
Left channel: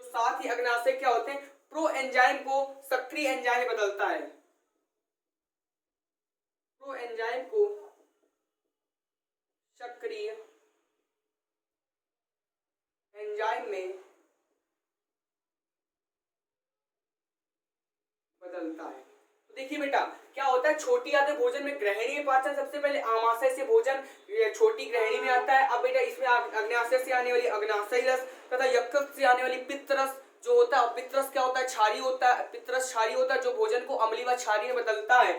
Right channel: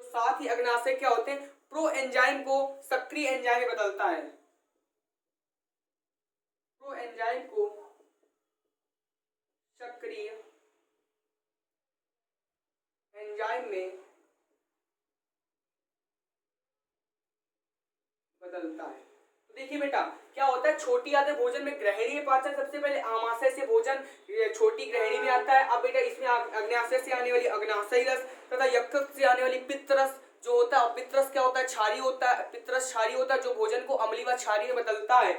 तो साथ ही अग्नाशय क्या होते हैं, प्रो एंजाइम को सक्रिय एंजाइम में बदलता है, प्रो एंजाइम को सक्रिय एंजाइम में बदलता है। तो देखिए बेटा क्या होता है, छोटी आंत भोजन में ग्रहणीय पाचन, सबसे पहले आमाशय से भोजन छोटी ग्रहणी में आता है। अब बेटा इसमें अग्नाशय से आने वाली अग्नाशयी रस तथा यकृत से आने वाली पित्त रस जो होता है, पित्त रस क्या होता है, क्षारीय होता है, पित्त रस क्षारीय होता है, जो भोजन को अम्लीय व क्षारीय में बदलता है।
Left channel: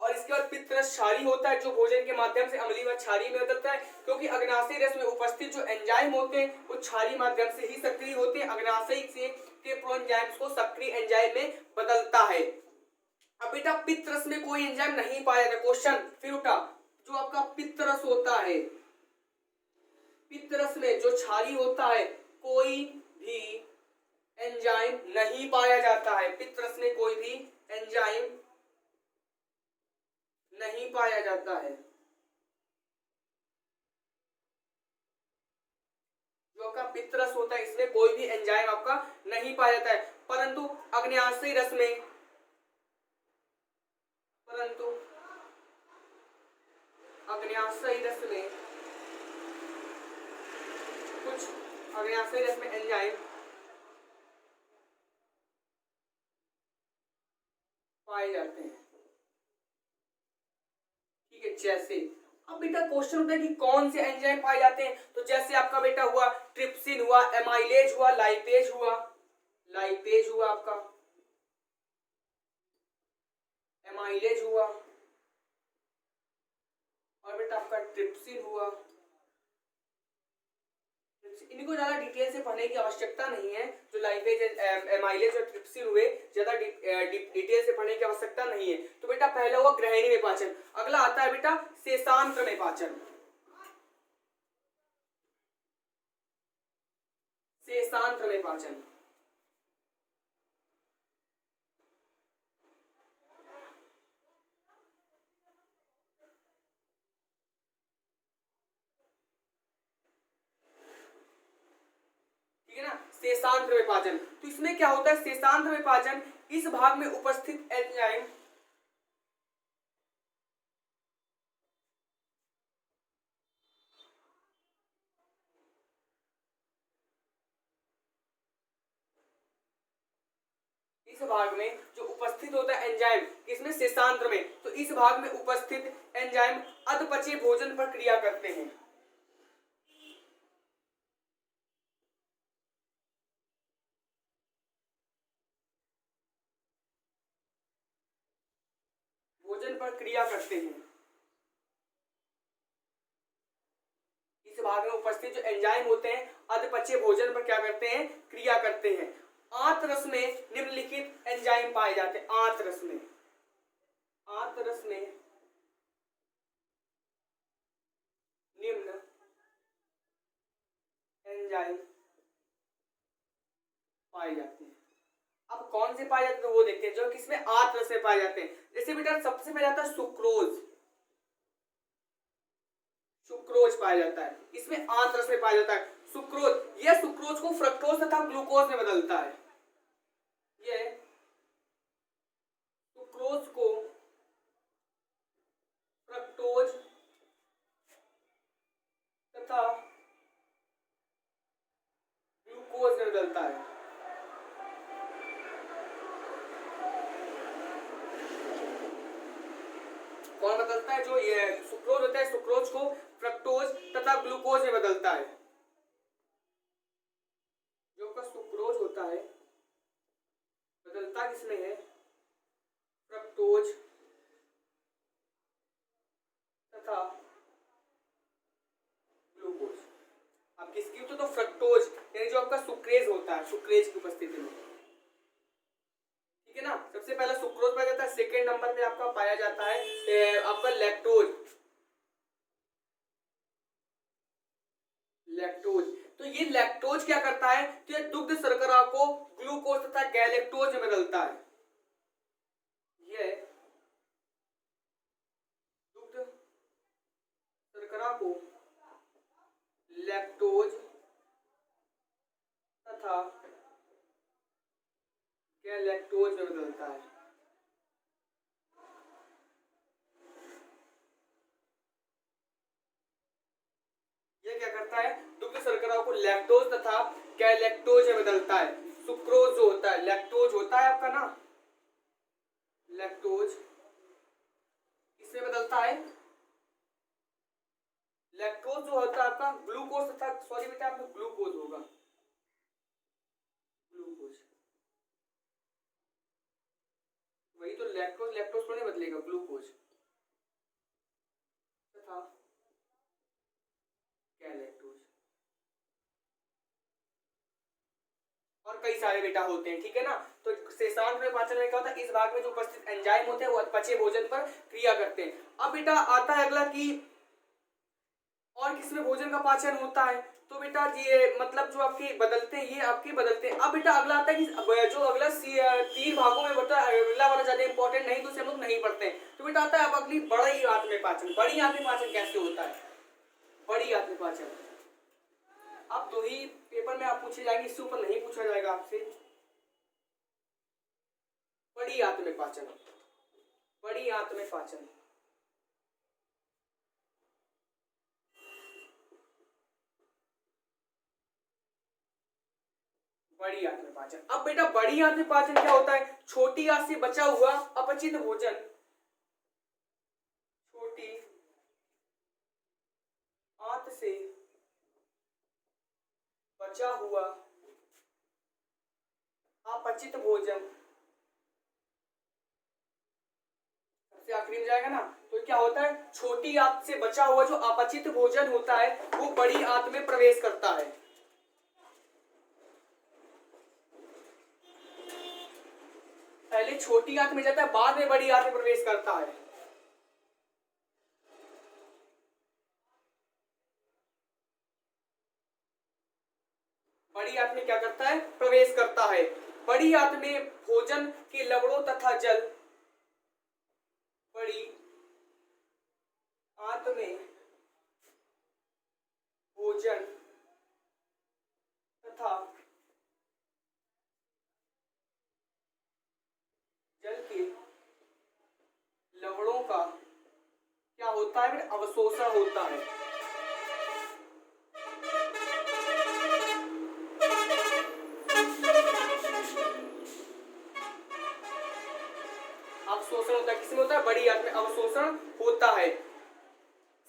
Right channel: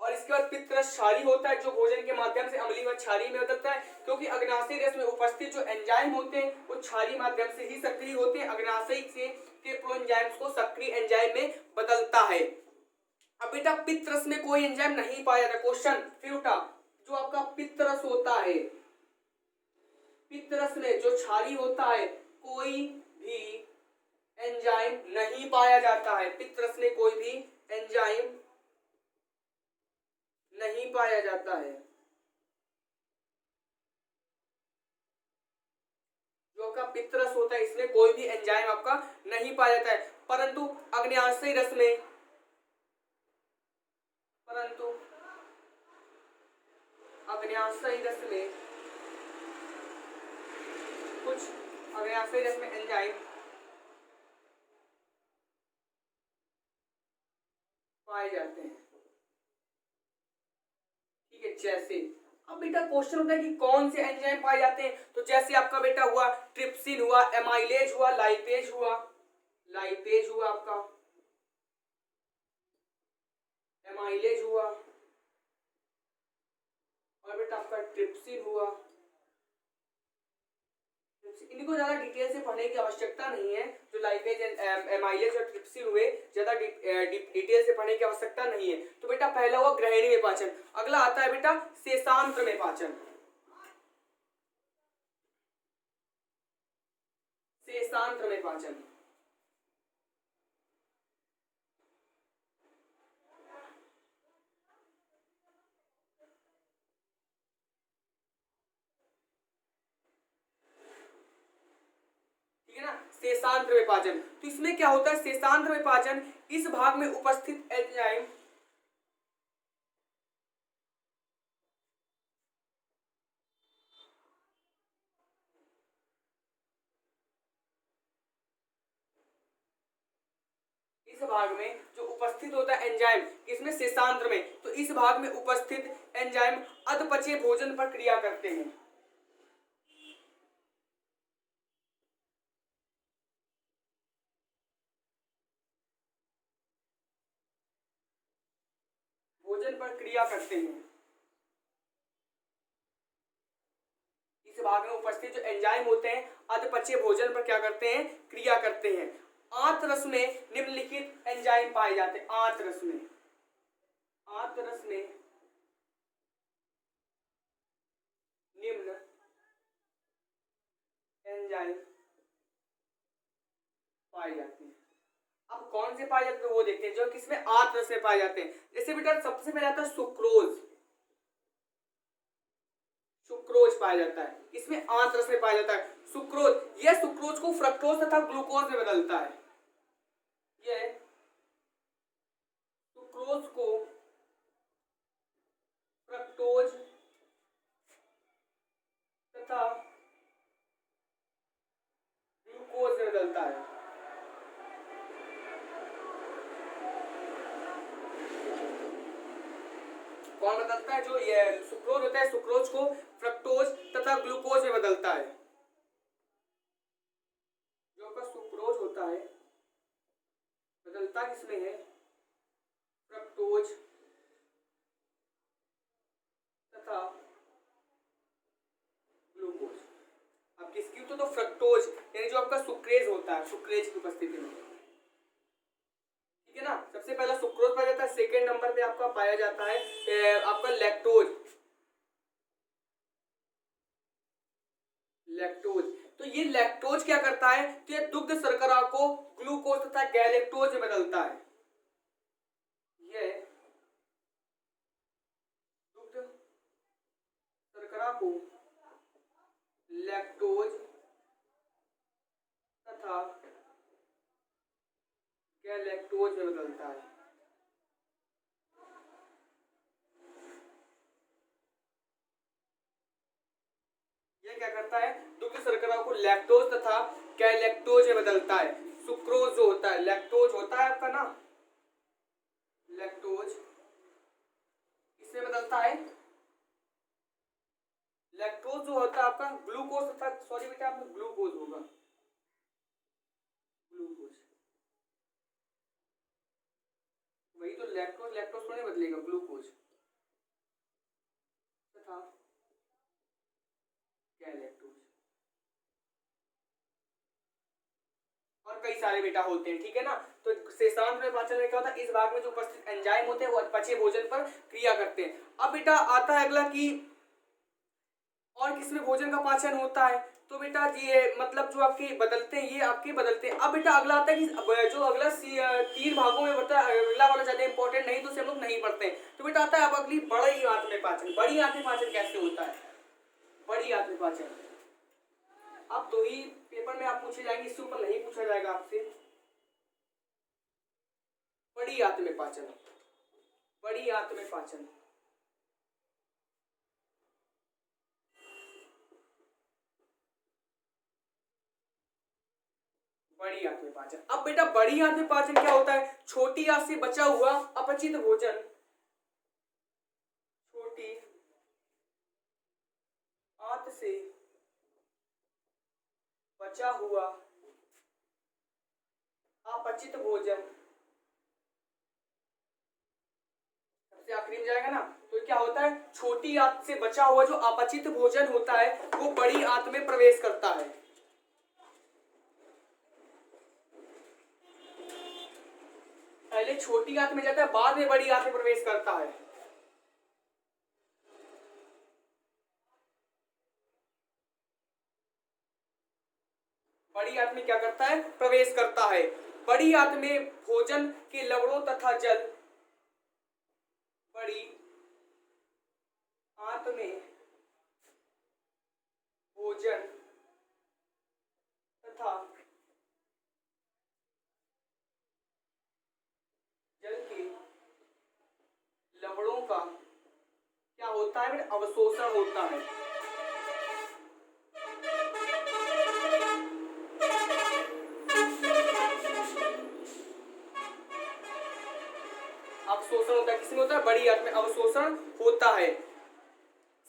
और इसके बाद पित्त रस क्षारीय होता है, जो भोजन के माध्यम से अम्लीय व क्षारीय में बदलता है, क्योंकि अग्नाशयी रस में उपस्थित जो एंजाइम होते हैं वो क्षारीय माध्यम से ही सक्रिय होते हैं, अग्नाशयी से के प्रो एंजाइम्स को सक्रिय एंजाइम में बदलता है। अब बेटा पित्त रस में कोई एंजाइम नहीं पाया जाता, क्वेश्चन फिर उठा, जो आपका पित्त रस होता है, पित्त रस में जो क्षारीय होता है, कोई भी नहीं पाया जाता है, पित्त रस में कोई भी एंजाइम नहीं पाया जाता है। जो आपका पित्त रस होता है इसमें कोई भी एंजाइम आपका नहीं पाया जाता है, परंतु अग्न्याशयी रस में अग्न्याशयी रस में कुछ अग्न्याशयी रस में एंजाइम पाए जाते हैं। ठीक है, जैसे अब बेटा क्वेश्चन होता है कि कौन से एंजाइम पाए जाते हैं, तो जैसे आपका बेटा हुआ ट्रिप्सिन हुआ, एमाइलेज हुआ, लाइपेज हुआ, लाइपेज हुआ आपका, एमाइलेज हुआ, और बेटा आपका ट्रिप्सिन हुआ। इनको ज्यादा डिटेल से पढ़ने की आवश्यकता नहीं है, जो लाइपेज, एमाइलेज और ट्रिप्सिन हुए, ज्यादा डिटेल से पढ़ने की आवश्यकता नहीं है। तो बेटा पहला हुआ ग्रहणी में पाचन, अगला आता है बेटा शेषांत्र में पाचन। शेषांत्र में पाचन, ठीक है ना, शेषांत्र में पाचन। तो इसमें क्या होता है, शेषांत्र में पाचन, इस भाग में उपस्थित एंजाइम इस भाग में जो उपस्थित होता है एंजाइम किसमें, शेषांत्र में, तो इस भाग में उपस्थित एंजाइम अधपचे भोजन पर क्रिया करते हैं। भोजन पर क्रिया करते हैं। इस भाग में उपस्थित जो एंजाइम होते हैं अधपचे भोजन पर क्या करते हैं, क्रिया करते हैं। आंत रस में निम्नलिखित एंजाइम पाए जाते हैं। आंत रस में, आंत रस में निम्न एंजाइम पाए जाते हैं। अब कौन से पाए जाते हैं वो देखते हैं, जो किसमें, आंत रस में पाए जाते हैं। जैसे बेटा सबसे पहले आता है सुक्रोज, सुक्रोज पाया जाता है, इसमें आंत रस में पाया जाता है सुक्रोज। यह सुक्रोज को फ्रक्टोज तथा ग्लूकोज में बदलता है। यह सुक्रोज को फ्रक्टोज तथा ग्लूकोज में बदलता है। कौन बदलता है, जो ये सुक्रोज होता है, सुक्रोज को फ्रक्टोज तथा ग्लूकोज में बदलता है। जो का सुक्रोज होता है बदलता किसमें है, फ्रक्टोज तथा ग्लूकोज। अब किसकी तो फ्रक्टोज यानी जो आपका सुक्रेज होता है, सुक्रेज की उपस्थिति में, ठीक है ना। सबसे पहला सुक्रोज पाया जाता है, सेकेंड नंबर पे आपका पाया जाता है आपका लैक्टोज, लैक्टोज। तो ये लैक्टोज क्या करता है कि दुग्ध शर्करा को ग्लूकोज तथा गैलेक्टोज में बदलता है। ये दुग्ध शर्करा को लैक्टोज तथा गैलेक्टोज में बदलता है। ये क्या करता है, दुग्ध शर्करा को लैक्टोज तथा गैलेक्टोज में बदलता है। सुक्रोज जो होता है, लैक्टोज होता है आपका ना, लैक्टोज इसमें बदलता है। लैक्टोज जो होता है आपका ग्लूकोज तथा, सॉरी बेटा आपको ग्लूकोज होगा, ग्लूकोज, वही तो लैक्टोज, लैक्टोज को नहीं बदलेगा, ग्लूकोज तथा गैलेक्टोज। और कई सारे बेटा होते हैं, ठीक है ना। तो शेषांत्र में पाचन में क्या होता है, इस भाग में जो उपस्थित एंजाइम होते हैं वो पचे भोजन पर क्रिया करते हैं। अब बेटा आता है अगला कि और किसमें भोजन का पाचन होता है? तो बेटा ये मतलब जो आपके बदलते हैं, ये आपके बदलते हैं। अब बेटा अगला आता है कि जो अगला 3 भागों में बता, अगला वाला ज्यादा इंपॉर्टेंट नहीं, तो उसे हम लोग नहीं पढ़ते हैं। तो बेटा आता है अब अगली बड़ी आंत में पाचन। बड़ी आंत में पाचन कैसे होता है? बड़ी आंत में पाचन अब दो ही पेपर में आप पूछे जाएंगे, इससे ऊपर नहीं पूछा जाएगा आपसे। बड़ी आंत में पाचन, बड़ी आंत में पाचन। बड़ी आंत में पाचन। अब बेटा बड़ी आंत में पाचन क्या होता है? छोटी आंत से बचा हुआ अपचित भोजन, छोटी आंत से बचा हुआ अपचित भोजन सबसे आखिरी में जाएगा ना। तो क्या होता है? छोटी आंत से बचा हुआ जो अपचित भोजन होता है वो बड़ी आंत में प्रवेश करता है। पहले छोटी आंत में जाता है, बाद में बड़ी आंत में प्रवेश करता है। बड़ी आंत में क्या करता है? प्रवेश करता है। बड़ी आंत में भोजन के लवणों तथा जल, बड़ी आंत में भोजन तथा जल के लवणों का क्या होता है? अवशोषण होता है। अवशोषण होता है, किसमें होता है? बड़ी आंत में अवशोषण होता है।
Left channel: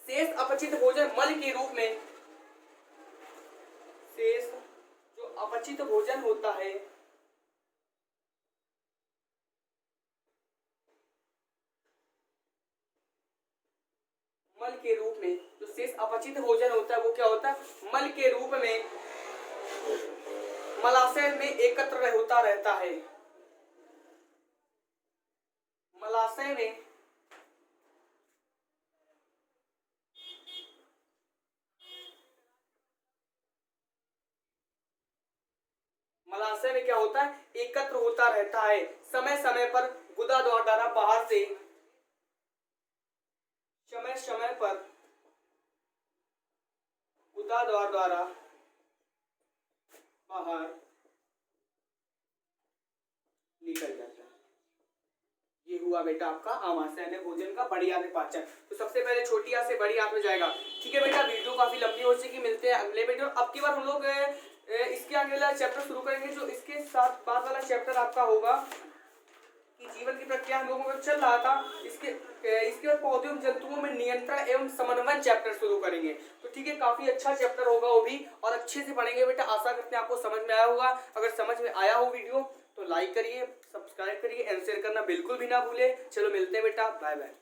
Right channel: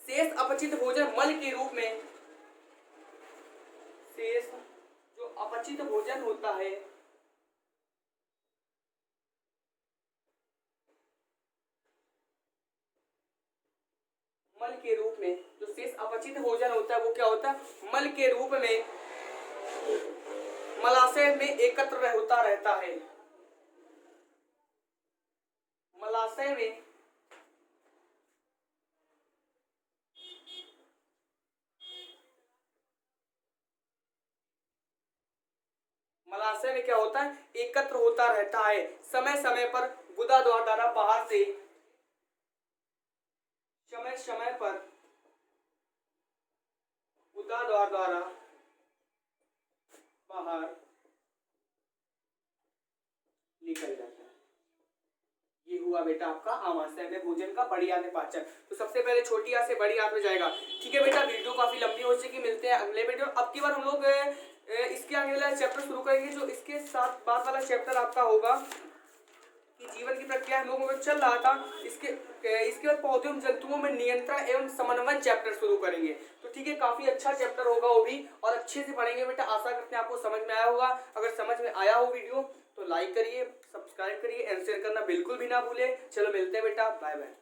शेष अपचित भोजन मल के रूप में, शेष जो अपचित भोजन होता है मल के रूप में, जो शेष अपचित भोजन होता है वो क्या होता है? मल के रूप में मलाशय में एकत्र होता रहता है। मलाशय में मलाशय में क्या होता है? एकत्र होता रहता है। समय समय पर गुदा द्वारा बाहर से, समय समय पर गुदा द्वारा बाहर निकल जाता है। ये हुआ बेटा आपका आमाशय में भोजन का बड़ी आंत में पाचन। तो सबसे पहले छोटी आंत से बड़ी आंत में जाएगा। ठीक है बेटा, वीडियो काफी लंबी हो चुकी, मिलते हैं अगले वीडियो। अब की बार हम लोग इसके अगला चैप्टर शुरू करेंगे, जो इसके साथ बाद वाला चैप्टर आपका होगा कि जीवन की प्रक्रिया हम लोगों का चल रहा था। इसके बाद पौधों एवं जंतुओं में नियंत्रण एवं समन्वय चैप्टर शुरू करेंगे। तो ठीक है, काफी अच्छा चैप्टर होगा वो भी, और अच्छे से पढ़ेंगे बेटा। आशा करते हैं आपको समझ में आया होगा। अगर समझ में आया हो वीडियो तो लाइक करिए, सब्सक्राइब करिए एंड शेयर करना बिल्कुल भी ना भूले। चलो मिलते हैं बेटा, बाय बाय।